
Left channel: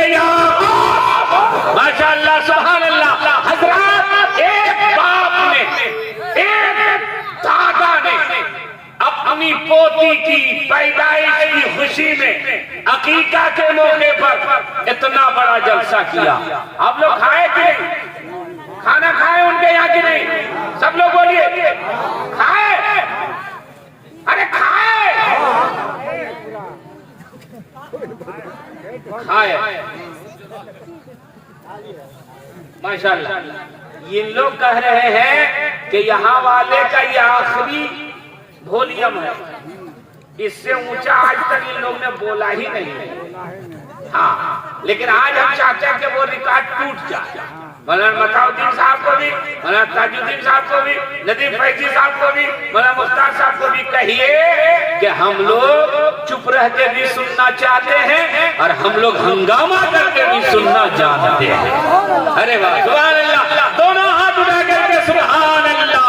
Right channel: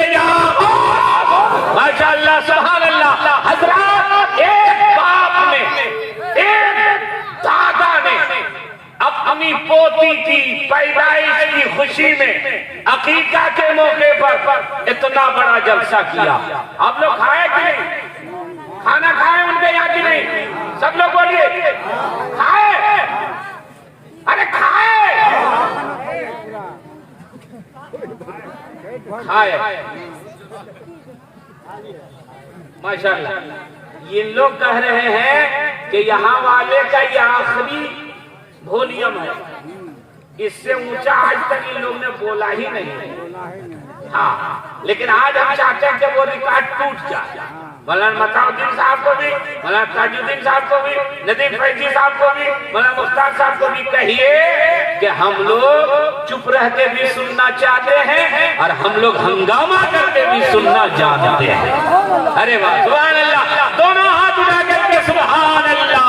माशाअल्लाह सुभान अल्लाह। हजरत एक बाप ने, एक दादा ने अपनी पोती की पैदाइश की खुशी में अकीका के मौके पर इतना बड़ा जलसा किया। आप लोग खाए कि नहीं? खाना खाए उनके यहाँ कि नहीं? सब लोग बोलिए खाए। अरे खाए खाए माशाअल्लाह। ये लोग कह रहे हैं कि यहाँ वाले का ये आखिरी वॉल्यूम है, इससे ऊंचा आज तक इन लोग ने बोला ही नहीं। हाँ, लेकिन आज हम चाहते हैं कि वो रिकॉर्ड टूट जाए। मौलाना मताउद्दीन साहब को भी, मौलाना ताजुद्दीन साहब को भी, नदीम फैजी साहब को भी, मौलाना मुख्तार साहब को भी कहिए कि हम लोग चुप रहते भी सुनना चाहते हैं और हम लोग हंगामा करके भी सुनना जानते हैं। अरे वाह सुभान अल्लाह। दोनों हाथ उठा करके सुभान अल्लाह।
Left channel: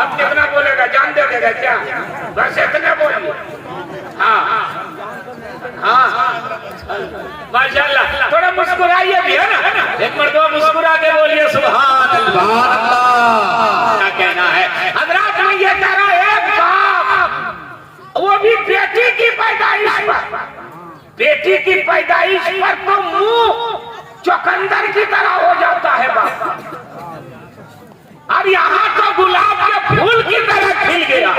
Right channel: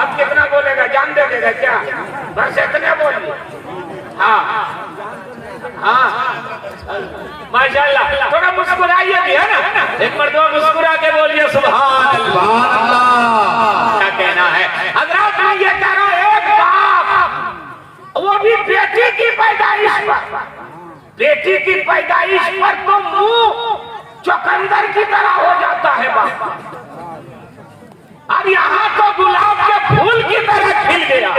अब कितना बोलेगा जान दे देगा क्या? बस इतना बोलिए। हाँ माशाअल्लाह। थोड़ा मुस्कुराइए भी है ना, एक मर्तबा मुस्कुरा के बोलिए सुभान अल्लाह। क्या कहना है हजरत? मैं ये कह रहा हूं, एक बाप वो भी बेटी की पैदाइश पर, बेटी की पैदाइश पर तो मुंह चुकंदर की तरह हो जाता है बाप। अब यहाँ तो गुलाब के फूल की तरह खिल गया।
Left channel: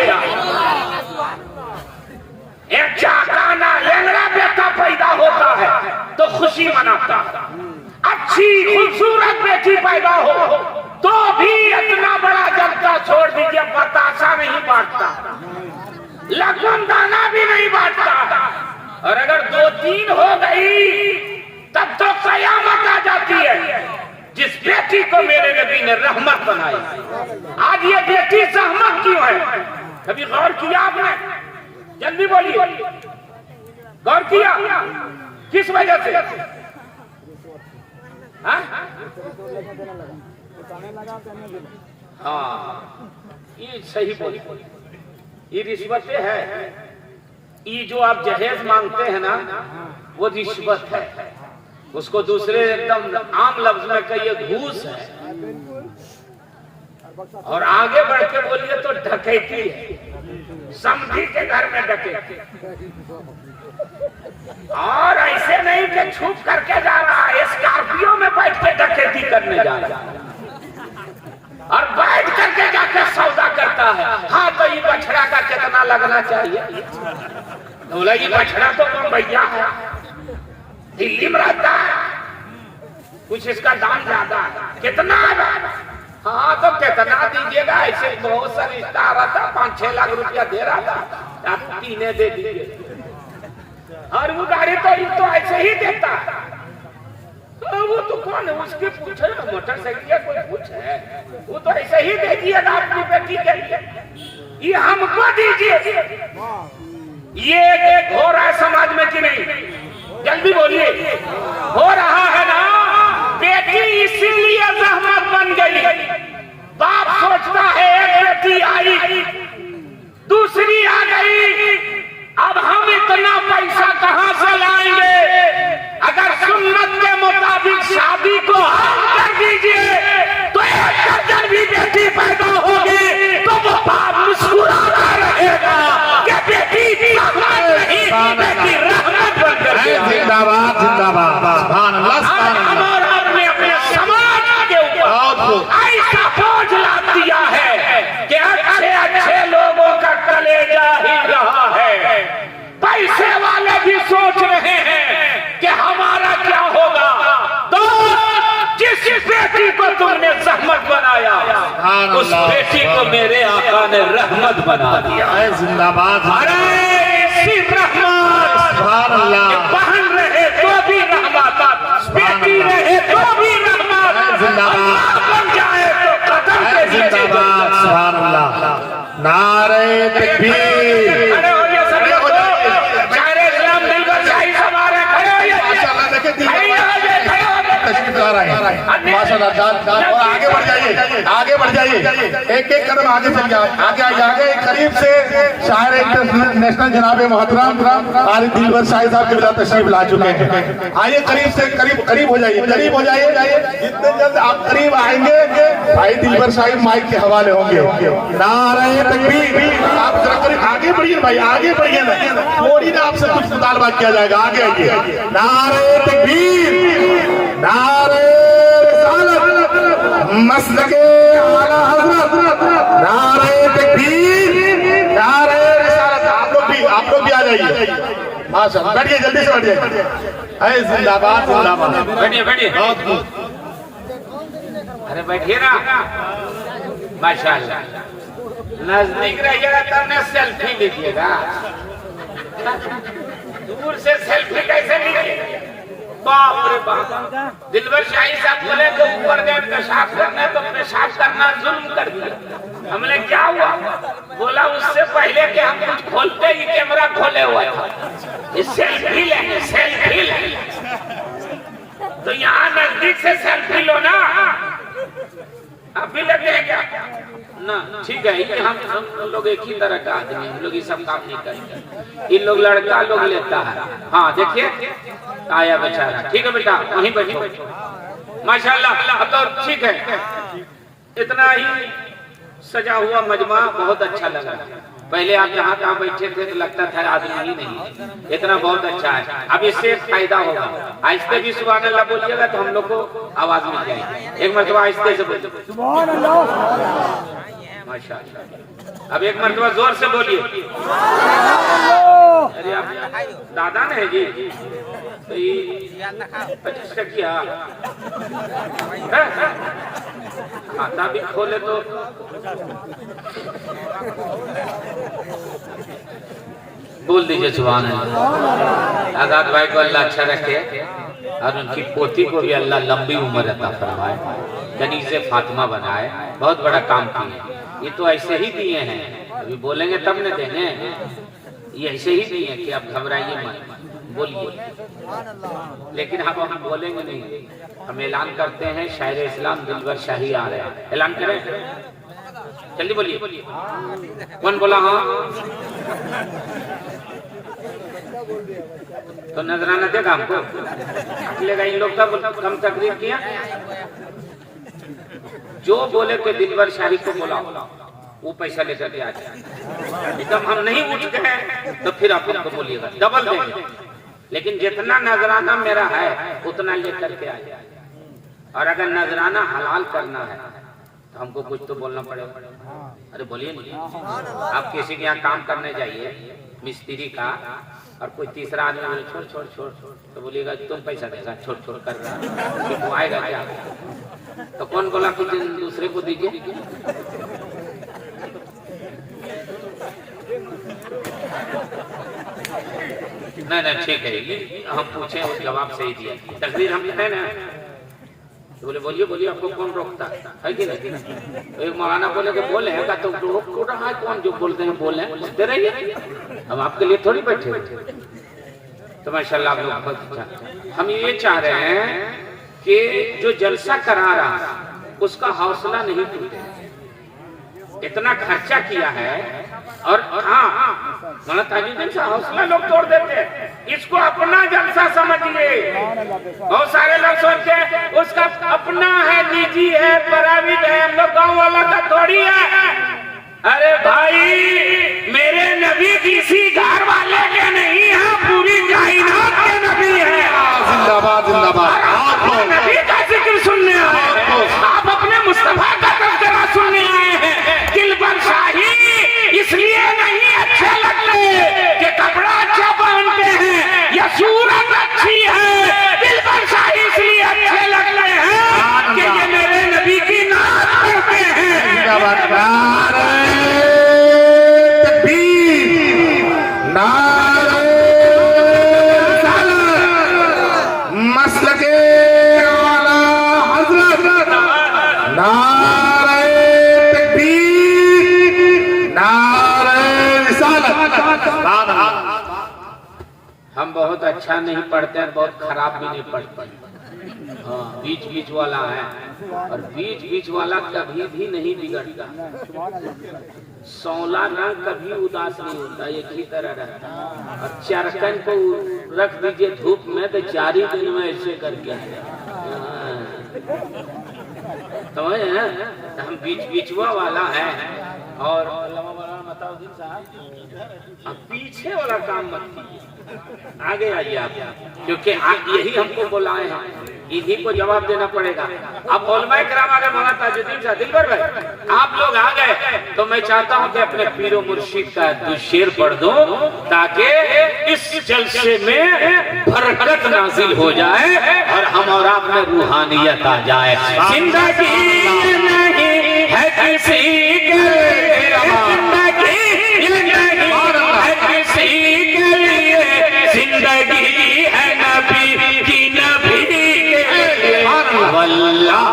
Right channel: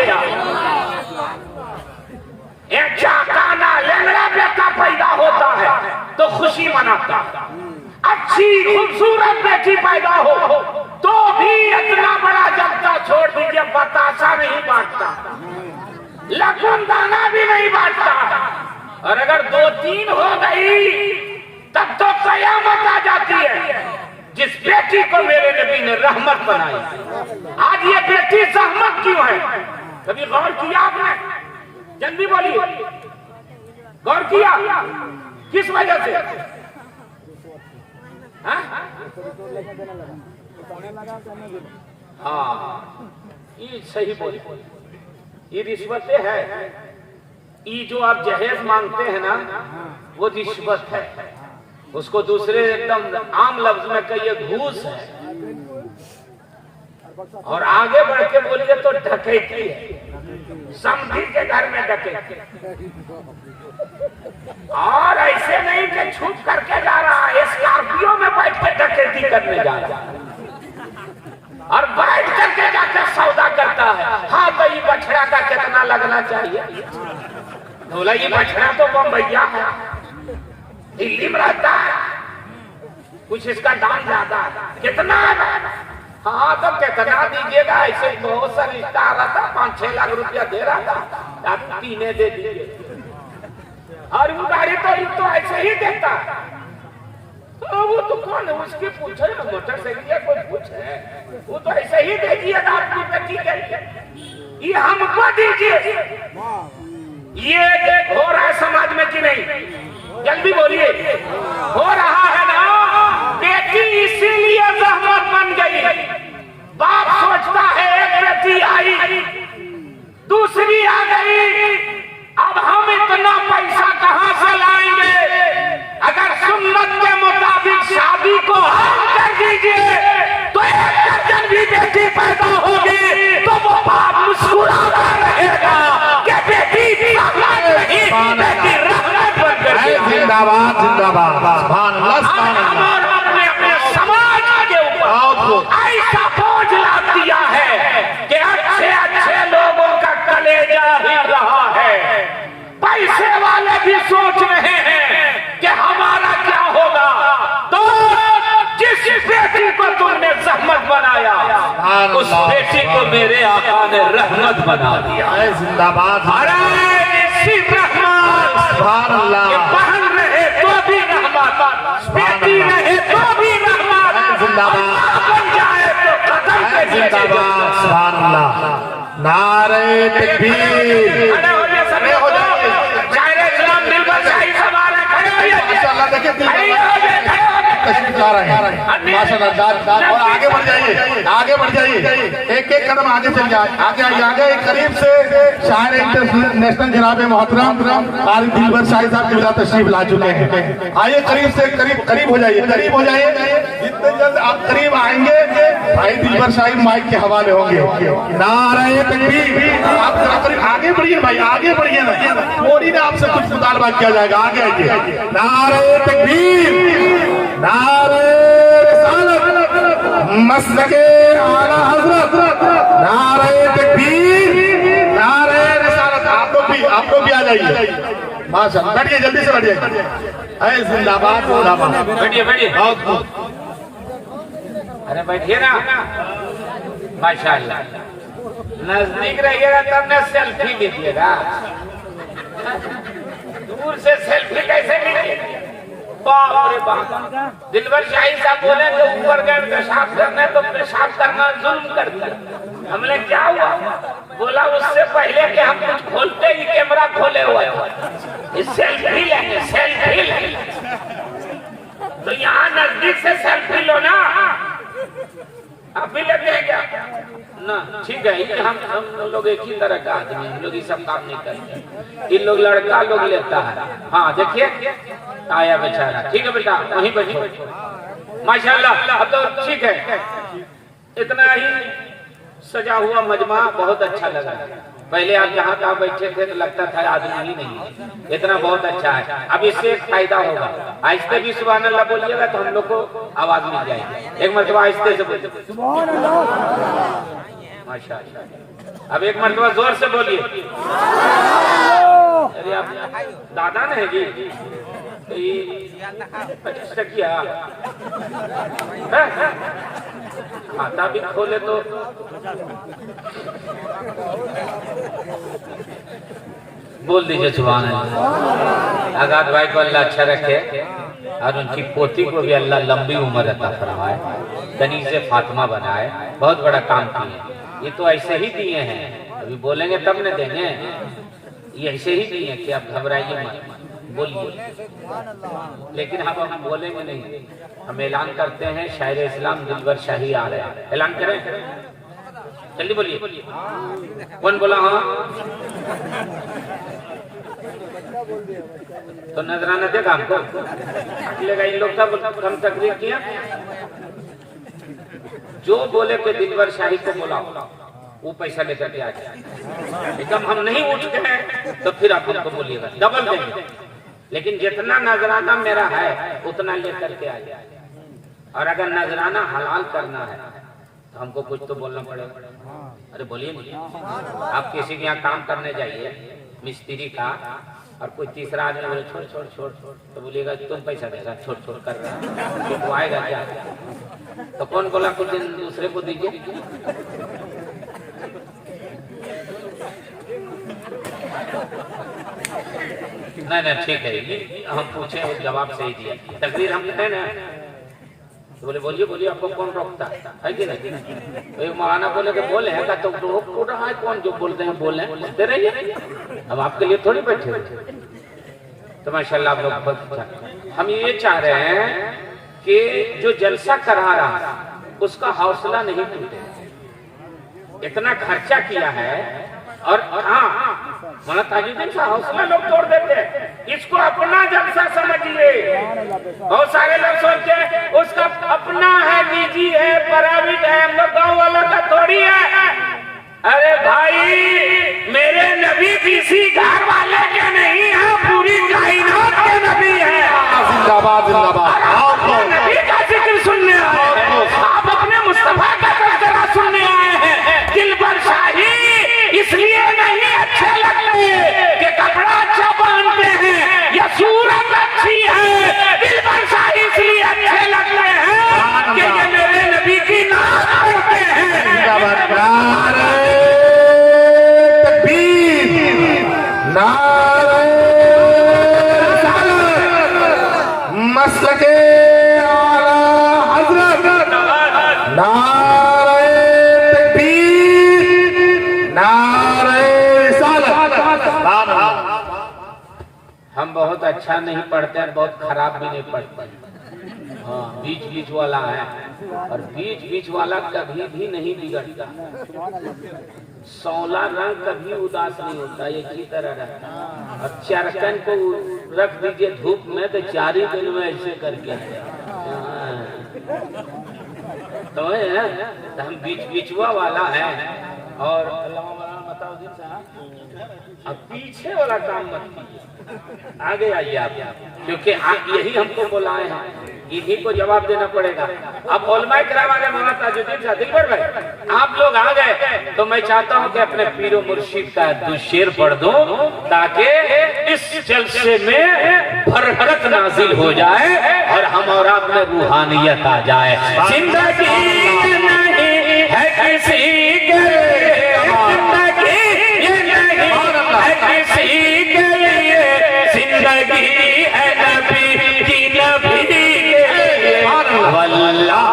एक चाकाना लंगड़ा बेटा पैदा होता है तो खुशी मनाता, अच्छी खूबसूरत बेटी पैदा हो तो भी इतना बड़ा जनता छोड़ दीजिए बतासा नहीं बांटता, लखन दाना भी नहीं बांटता। और अगर 2-3 हो गई तब तो कयामत आ जाती है। जिस बेटी को मेरे नबी ने रहमत बनाई, आज ये बेटी सहमत क्यों है? कभी गौर किया आपने? जल्दी बोलिए, गौर किया किस वजह से? हाँ, ये सही बोली। ये रिश्वतें हैं। ये जो आप जहेज मांगते हैं ना, वो रिश्वत है। उसको दूसरे एकदम आम लफ्ज में कहिए घूस है। और आगे बढ़ के बोलिए तो डकैती है। समझी के घर में डकैती, और ऐसे नहीं कि छुप करके जा रहा है, स्कॉर्पियो में बैठ के डकैती करने जा रहा है और बैठ करके जाकर सौदा करता है। हाँ, तो ये बछड़ा का कितना लगना चाहिए? बोला ये बछड़ा तो बम्बैया है, दिल्ली में रहता है, कुछ इसका दाम ज्यादा है। कितना है? हाँ, तो कितना दीजिएगा? ऐसे बहुत सा रिश्ता आ रहा था, 5-6 लाख रुपया दे रहा था, आप 3 दे दीजिए। और वो गाड़ी तो ऐसे ही देता। तो वो तो कौन है? उसके पूछे ना, मोटरसाइकिल कोई पूछे, वो तो ऐसे ही दे दिएगा अपनी बेटी के लिए। ये हमको दीजिए। ये हो रहा है समाज में कि नहीं? जल्दी बोलिए, हो रहा है ना? बेटी इसीलिए रहमत बन गई। बाप सोचता है एक बेटी आई, दूसरी आ गई, अब हम इतना पैसा कहां से लाएंगे? अगर सुन्नत के मुताबिक शादी को हम कर दीजिए तो एक दर्जन भी बेटी पैदा होगी तो वो बाप मुस्कुराता रहेगा कि बेटी रहमत नहीं, बेटी रहमत बन गई। जिंदाबाद जिंदाबाद सुभान अल्लाह। हमने अपने समाज के ऊपर ऐसा बोझ लाद दिया है कि अच्छे लोगों का कलेजा हिल रहा है। पैसे वाले भी सोच रहे हैं कि हमारा क्या होगा। तो जिस बेटी को तुमने रहमत बनाया, उस बेटी को मेरे आका ने रहमत बना दिया। जिंदाबाद। अरे इसी रहमत, सुभान अल्लाह। बहन रहे तो भी रहमत, बेटी रहे तो भी रहमत, जिंदाबाद। बन जाए तो कदम के नीचे जिंदाबाद सुभान अल्लाह। नारे तकबीर। इस्लाम दिल पर शाही समारे खड़े होइए। देखिए खड़े होइए, खड़े होइए। तशरीफ ला रहे हैं। माशाल्लाह। और आगे बढ़ जाइए, आगे बढ़ जाइए, एक एक कदम आगे चल जाए, आगे आइए, आगे करीब से शायर इंटरनेशनल जनाब मोहतरम आरिफ दिलबर शाही साहब के साथ तशरीफ ला चुके हैं। आइए करीब से करीब हो जाइए, करीब हो जाइए। जितने जल्द आप करीब आएंगे भाई दिलबर शाही माइक के हवाले होंगे। नारे तकबीर। आप करीब आगे बढ़िए भाई, आगे बढ़िए ना, थोड़ी ना आपसे कुछ मुतालबा किया जाएगा। आगे आइए। नारे तकबीर, नारे रिसालत, मसलके आला हज़रत, नारे तकबीर, नारे रिसालत। आप लोग भी आ जाइए। माशाअल्लाह, बैठिए, जल्दी से बैठिए। अरे जिंदाबाद, जिंदाबाद। बैठिए बैठिए, बहुत अरे बैठिए ना। माशाअल्लाह, नजदीक रहिएगा तब न सेल्फी लीजिएगा, दूर से सेल्फी कैसे लीजिएगा? बाप रे बाप। दिलबर शाही साहब बोले तो ऊपर गए पेशाब करने, तो पेशाब करना जुल्म कर दिया। हमने क्या हुआ? बोला उससे पहले कि हम कुछ खोलते ही कैमरा खोले हुआ था। ये सेल्फी ले, सेल्फी ले। तो यहाँ नजदीक से सेल्फी लो ना। आप भी लेते हैं क्या? ना, ठीक है, ये हम लोग एक ही तरह का आदमी, हम लोग ये सब काम नहीं करते। इन लोग लड़का लोग लेता है। हाँ देखिए, आया बेचारा। ठीक है बेटा, वहीं बैठो। माशाल्लाह, अब तो ठीक है। इतना ही सजा हुआ मजमा बहुत अच्छा लगा। पहले आप जहाँ तहाँ बैठे थे तो लगता था आदमी ही नहीं है। इतना बहुत अच्छा है। अब इससे एक फायदा होगा, आहिस्ते भी सुभान अल्लाह बोलिएगा तो हम लोग को आवाज मिल जाएगी। एक मरतबा आहिस्ते से बोलिए सुभान अल्लाह। माशाअल्लाह। अब एक मरतबा जोर से बोलिए। अरे आप दादा ने जी तो ये किया खाता भी खोले तो बोल दीजिए सुभान अल्लाह। आजाद भाई को अल्लाह अच्छा रखे और उनकी पोती को भी अल्लाह लंबी उम्र अता फरमाए, कनीज़े फातिमा बनाए। बहुत बड़ा काम किए। ये तो ऐसे ही दिए हैं, अभी बोलेंगे तब न देंगे। ये ऐसे ही दिए कि आप घबराइए मत, बोलिए। लेकिन हम बोलेंगे नहीं, हम ऐलान करते हैं शायर इस्लाम दिलबर शाही आ रहे हैं। ऐलान करें, जल्दी बोलिए। कौन बोला? हाँ, तो नजराना देखा हमको लेगा। इन लोग का कम तकरीर किया। जो बोले कि दिलबर शाही को बोला वो पैसा लेकर के आ जाए। एकदम हम नहीं उठ गए तो फिर आप हमको बोलिएगा, डबल देंगे। लेकिन जितना नजराना मेरा है उतना लेकर के आ जाए। और अगर नजराना हलाल करना है तो हमको कुछ तो बोलना पड़ेगा। अरे बोलिए नहीं। आप किसी के यहाँ काम करने जाइए, मिस्त्री का, और कोई तीसरा आदमी बोले छोड़ छोड़ छोड़ छोड़, तो बोलिएगा तुम पैसा देगा, छोड़ छोड़ कर वो आएगा क्या? तो कौन बोला कुछ दिन दूसरे को दीजिए? नहीं ठीक है, हम पूछे वो जवाब सही दिया। तकदीर हम है ना, तो बोले बोलिए आपको कौन रोकता है कि नहीं? एक मौलाना बोले कि बोले हैं का तो रोक रहा है कौन? जो बोलते हैं बोल बोलते रहिए, हम आपके लिए थोड़ी बैठे हुए। तो माशाल्लाह आप लोग बहुत अच्छा। हम ये चाह रहे हैं कि जो जलसा करा रहा उसका हौसला नहीं टूटे। इतना खर्चा किया है और हाँ मौलाना ताजुद्दीन साहब हौसला लोग तोड़ देते हैं। इसको अपना जलसा समझिए। बहुत सारे लोग सोचते हैं उसका अपना है, निजी है, प्राइवेट है, हम लोग गाँव वाला का थोड़ी है। अरे भाई मेरे नबी किसी घर वाले के नहीं है, पूरी कायनात के नबी है। जिंदाबाद जिंदाबाद। नबी का जिक्र सुनने आए हैं, आप अपने मुस्तफा का तज़किरा सुनने आए हैं। दिलबर शाही इसलिए नहीं अच्छे लगते कि कपड़ा अच्छा पहनते हैं या सूरत अच्छी है। दिलबर शाही इसलिए अच्छे लगते हैं कि ये मेरे नबी की नाम करते हैं। मसलके आला हज़रत, नारे तकबीर, नारे रिसालत। हम बहुत अच्छा नहीं पढ़ते हैं, बहुत खराब भी नहीं पढ़ते हैं। हाँ बीच बीच वाला है, और बीच बीच वाला कभी भी नहीं बिगड़ता। सौला रंग कभी उदास नहीं होता, एक ही तरह रहता है। और चरकन को रख दीजिए धूप में तो 4 ही दिन में ऐसे करके तो हम बीच बीचवा वाला है। और अब पीछे वाला काम मत कीजिए, आगे आइए आप, क्योंकि यही हमको बुलाए हैं, इन्हीं को जवाब देना पड़ेगा। अब उलमाए किराम आगे मौलाना ताजुद्दीन साहब, दिलबर भाई आप लोग आ गए तो मैं चाहता हूं कि अपने पीरो मुर्शिद का 2 शेर पढ़ दूं, ताकि इस जलसे में बरकत नाजिल हो जाए और हम और आप में रूहानियत आ जाए। जिंदगी नहीं है किसी के लिए, जिंदगी है नबी की, नबी के वल्लाह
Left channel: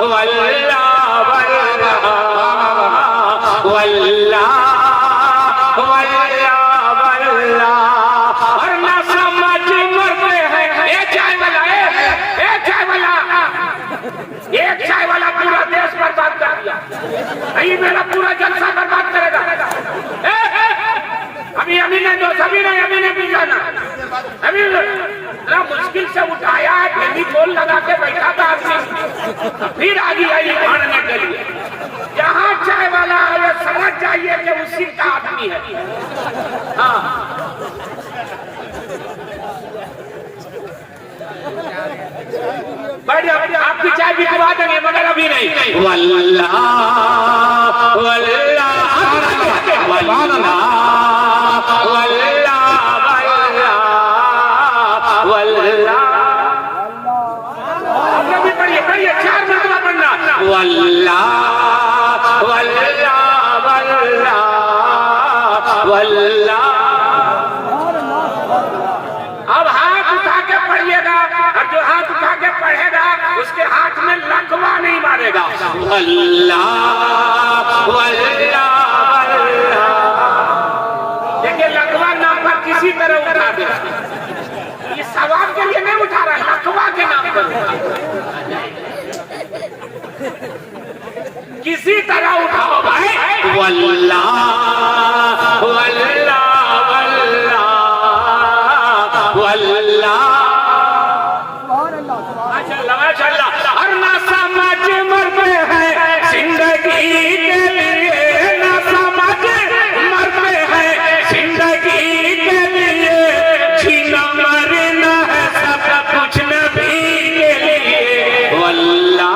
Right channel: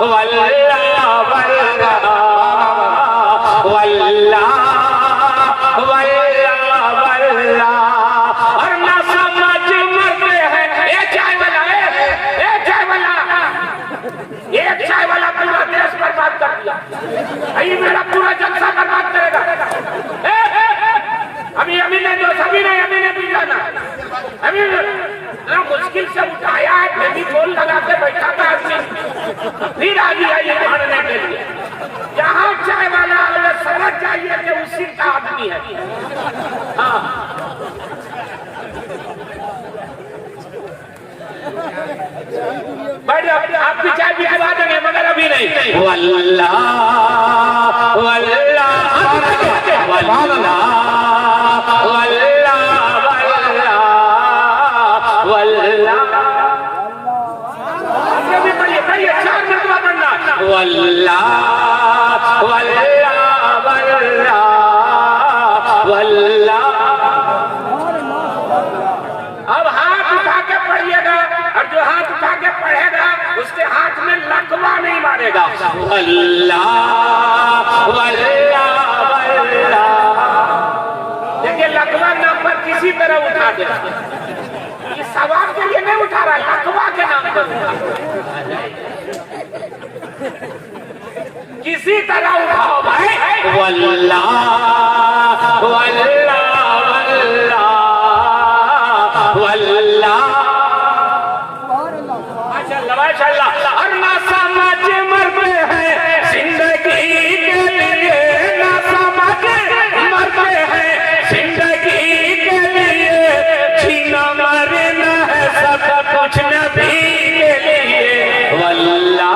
वल्लाह वल्लाह वल्लाह वल्लाह वल्लाह। और ना समझ में है एक चाय वाला, एक चाय वाला, एक चाय वाला पूरा देश बर्बाद कर दिया, यही मेरा पूरा जलसा बर्बाद करेगा। अभी ने दो सभी ने भी जाना, अभी मुश्किल से उठाया है, फेविकोल लगा के बैठा था आदमी, फिर आगे आइए भाड़ने के लिए। यहाँ चाय वाला समझ जाइए कि उसी का आदमी है। हाँ आपकी चाय बिकवा देंगे, मगर अभी नहीं। वल्लाह वल्लाह वल्लाह वल्लाह वल्लाह वल्लाह वल्लाह। अब हाथ उठा के पढ़िएगा, और जो हाथ उठा के पढ़ेगा उसके हाथ में लकवा नहीं मारेगा। वल्लाह वल्लाह वल्लाह। देखिए लकवा नाम पर किसी तरह उठा दे, इस सवाब के लिए नहीं उठा रहा, लकवा के नाम पर किसी तरह उठाओ भाई। वल्लाह वल्लाह वल्लाह वल्लाह माशाअल्लाह माशाअल्लाह। और ना समझ मरते हैं जिंदगी के लिए, ना समझ मरते हैं जिंदगी के लिए, जीना मरना है सब कुछ नबी के लिए। वल्लाह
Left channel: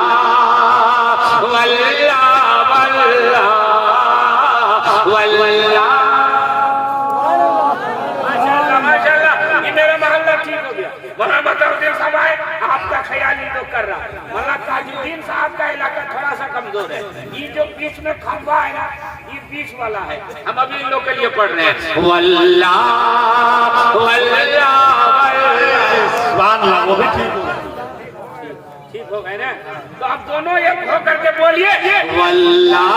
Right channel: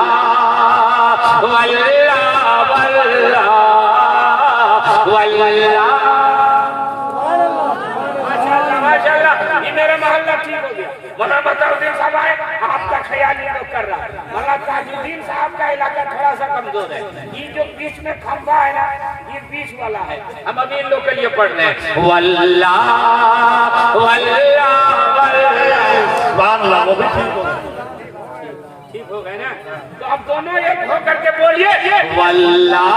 आपका ख्याल ही तो कर रहा है। मौलाना ताजुद्दीन साहब का इलाका थोड़ा सा कमजोर है, ये जो बीच में खंबा है ना, ये बीच वाला है। हम अभी इन लोग के लिए पढ़ रहे हैं वल्लाह वल्लाह वल्लाह। वो भी ठीक हो गए ना, तो अब दोनों एक हो करके बोलिए वल्लाह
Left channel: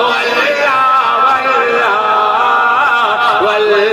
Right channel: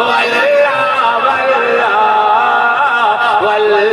वल्लाह वल्लाह वल्लाह।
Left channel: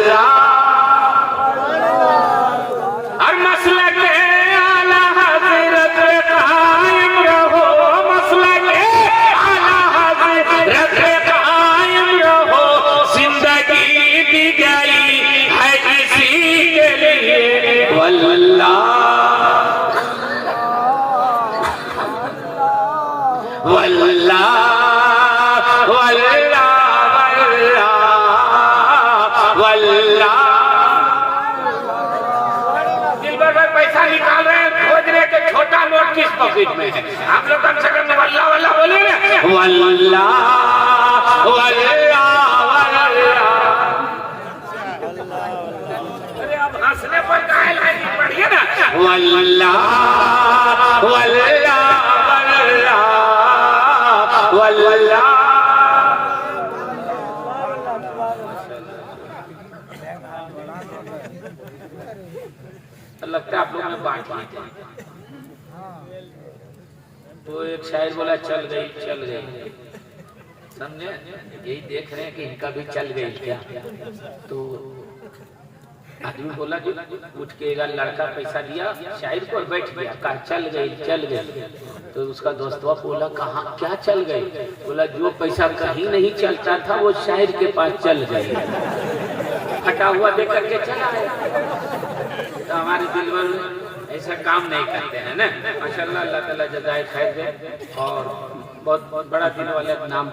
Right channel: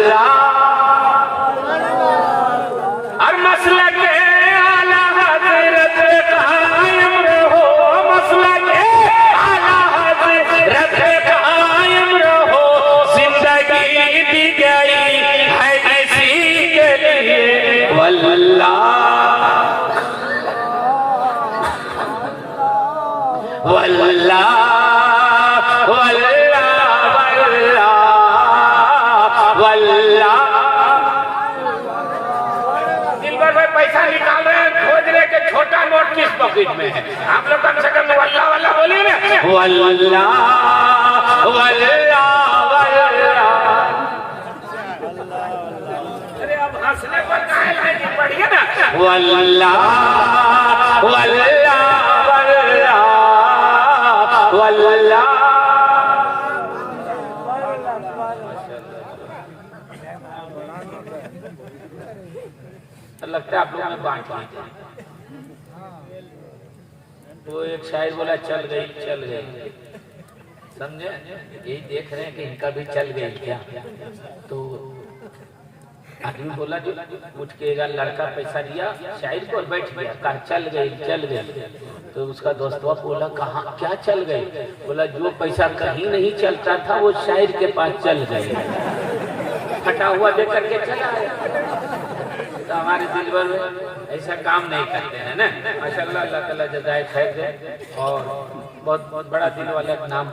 में है, आप लोग कम से कम वल्लाह वल्लाह बोलिए ना, वल्लाह वल्लाह वल्लाह। अरे अब हंसने पर काहे लाइन पड़ी है ना, वल्लाह वल्लाह वल्लाह वल्लाह। लगता है आप लोगों ने बांट लिया। तो एक शायर बोला चल गई, समझे? यही देख रहे हैं कि इनका भी चल गई क्या। तो आदमी बोला जो उठ के एक लड़का पैसा दिया शायर को और बैठ गया, कहा चल गई। तो उसका दोस्तों बोला कहाँ क्या चल गई? बोला जो पैसा कहीं नहीं चलता था वो शायर के पास चल गए, फटा हुआ देख करके चला है। हमारे दिल में ऐसा काम नहीं करते हैं ना, माशाअल्लाह, अल्लाह ताला जज़ाए खैर दे। और बहुत बड़ा दिल वाला नाम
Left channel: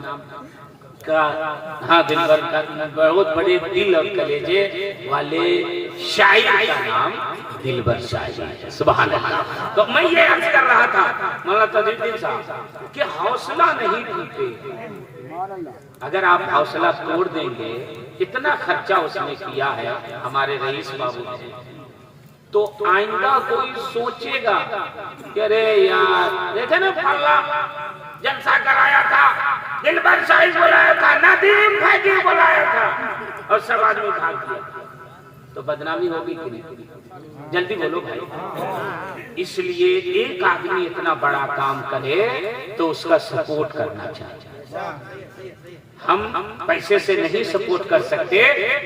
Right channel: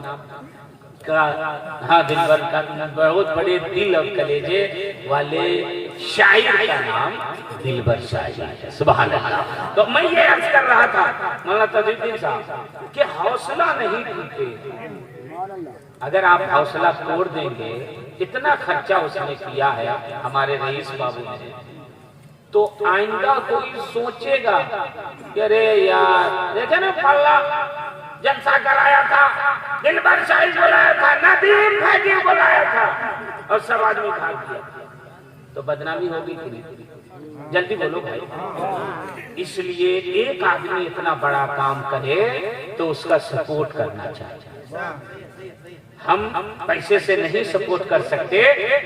का, हाँ दिलबर का, बहुत बड़े दिल और कलेजे वाले शायर का नाम दिलबर शायर, सुभान अल्लाह। तो मैं ये अर्ज कर रहा था मौलाना तजुद्दीन साहब कि हौसला नहीं टूटे। अगर आप हौसला तोड़ देंगे, इतना खर्चा उसने किया है हमारे रईस बाबू ने, तो आइंदा कोई सोचेगा कि अरे यार देखे ना फल्ला जलसा कराया था, दिलबर शाही बुलाया था, नदीम फैजी बुलाया था और सब आदमी भाग दिया, तो बदनामी होगी कि नहीं? जल्दी बोलो भाई। इसलिए एक आदमी इतना बड़ा काम करे तो उसका सपोर्ट करना चाहिए। हम पैसे से नहीं सपोर्ट कर सकते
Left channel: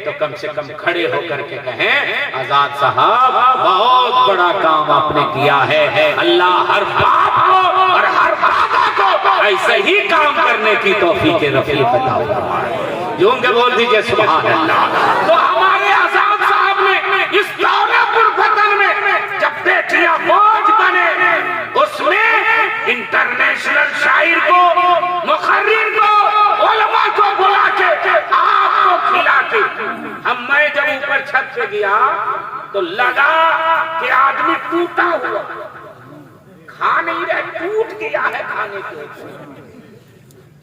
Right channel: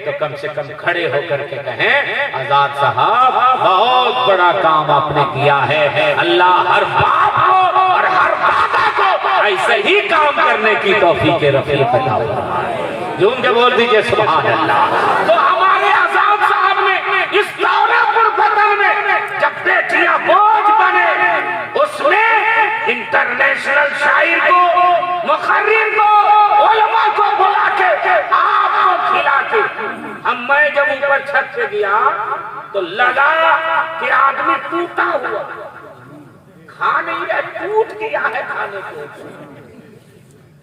तो कम से कम खड़े होकर के कहें आजाद साहब बहुत बड़ा काम आपने किया है, अल्लाह हर बाप को और हर दादा को ऐसे ही काम करने की तौफीक रफीक अता फरमाए। जून के बोल दीजिए सुभान अल्लाह। तो हमारे आजाद साहब ने इस दौरापुर वतन में जब बेटियां बोझ बने, उसमें इंटरनेशनल शायर को, मुखर्रिर को, उलमा को बुला के आपको खिला के, मैं जब ऊपर छत से गया तो लगा कि आदमी टूटा हुआ, खा नहीं रहे, टूट गया है खाने को।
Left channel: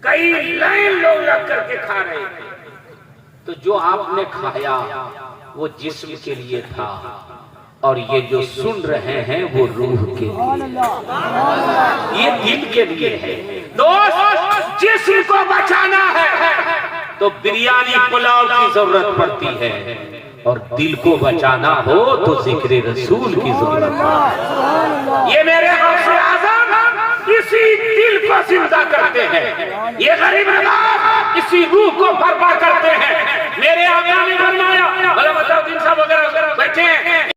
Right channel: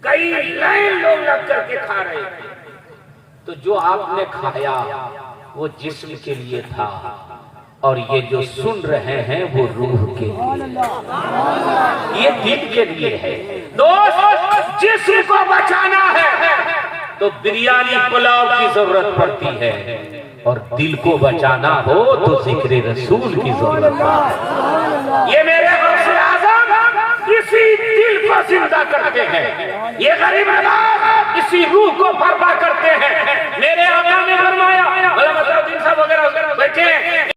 कई लाइन लोग लग करके खा रहे थे। तो जो आपने खाया वो जिस्म के लिए था और ये जो सुन रहे हैं वो रूह के लिए, ये दिल के लिए है। दोस्त, जिस्म को बचाना है तो बिरयानी पुलाव की जरूरत पड़ती है, और दिल को बचाना हो तो जिक्र रसूल की जरूरत है। ये मेरे गौसे आज़म इसी दिल को जिंदा करते हैं, ये गरीब नवाज इसी रूह को बर्पा करते हैं। मेरे आका ने फरमाया, बैठे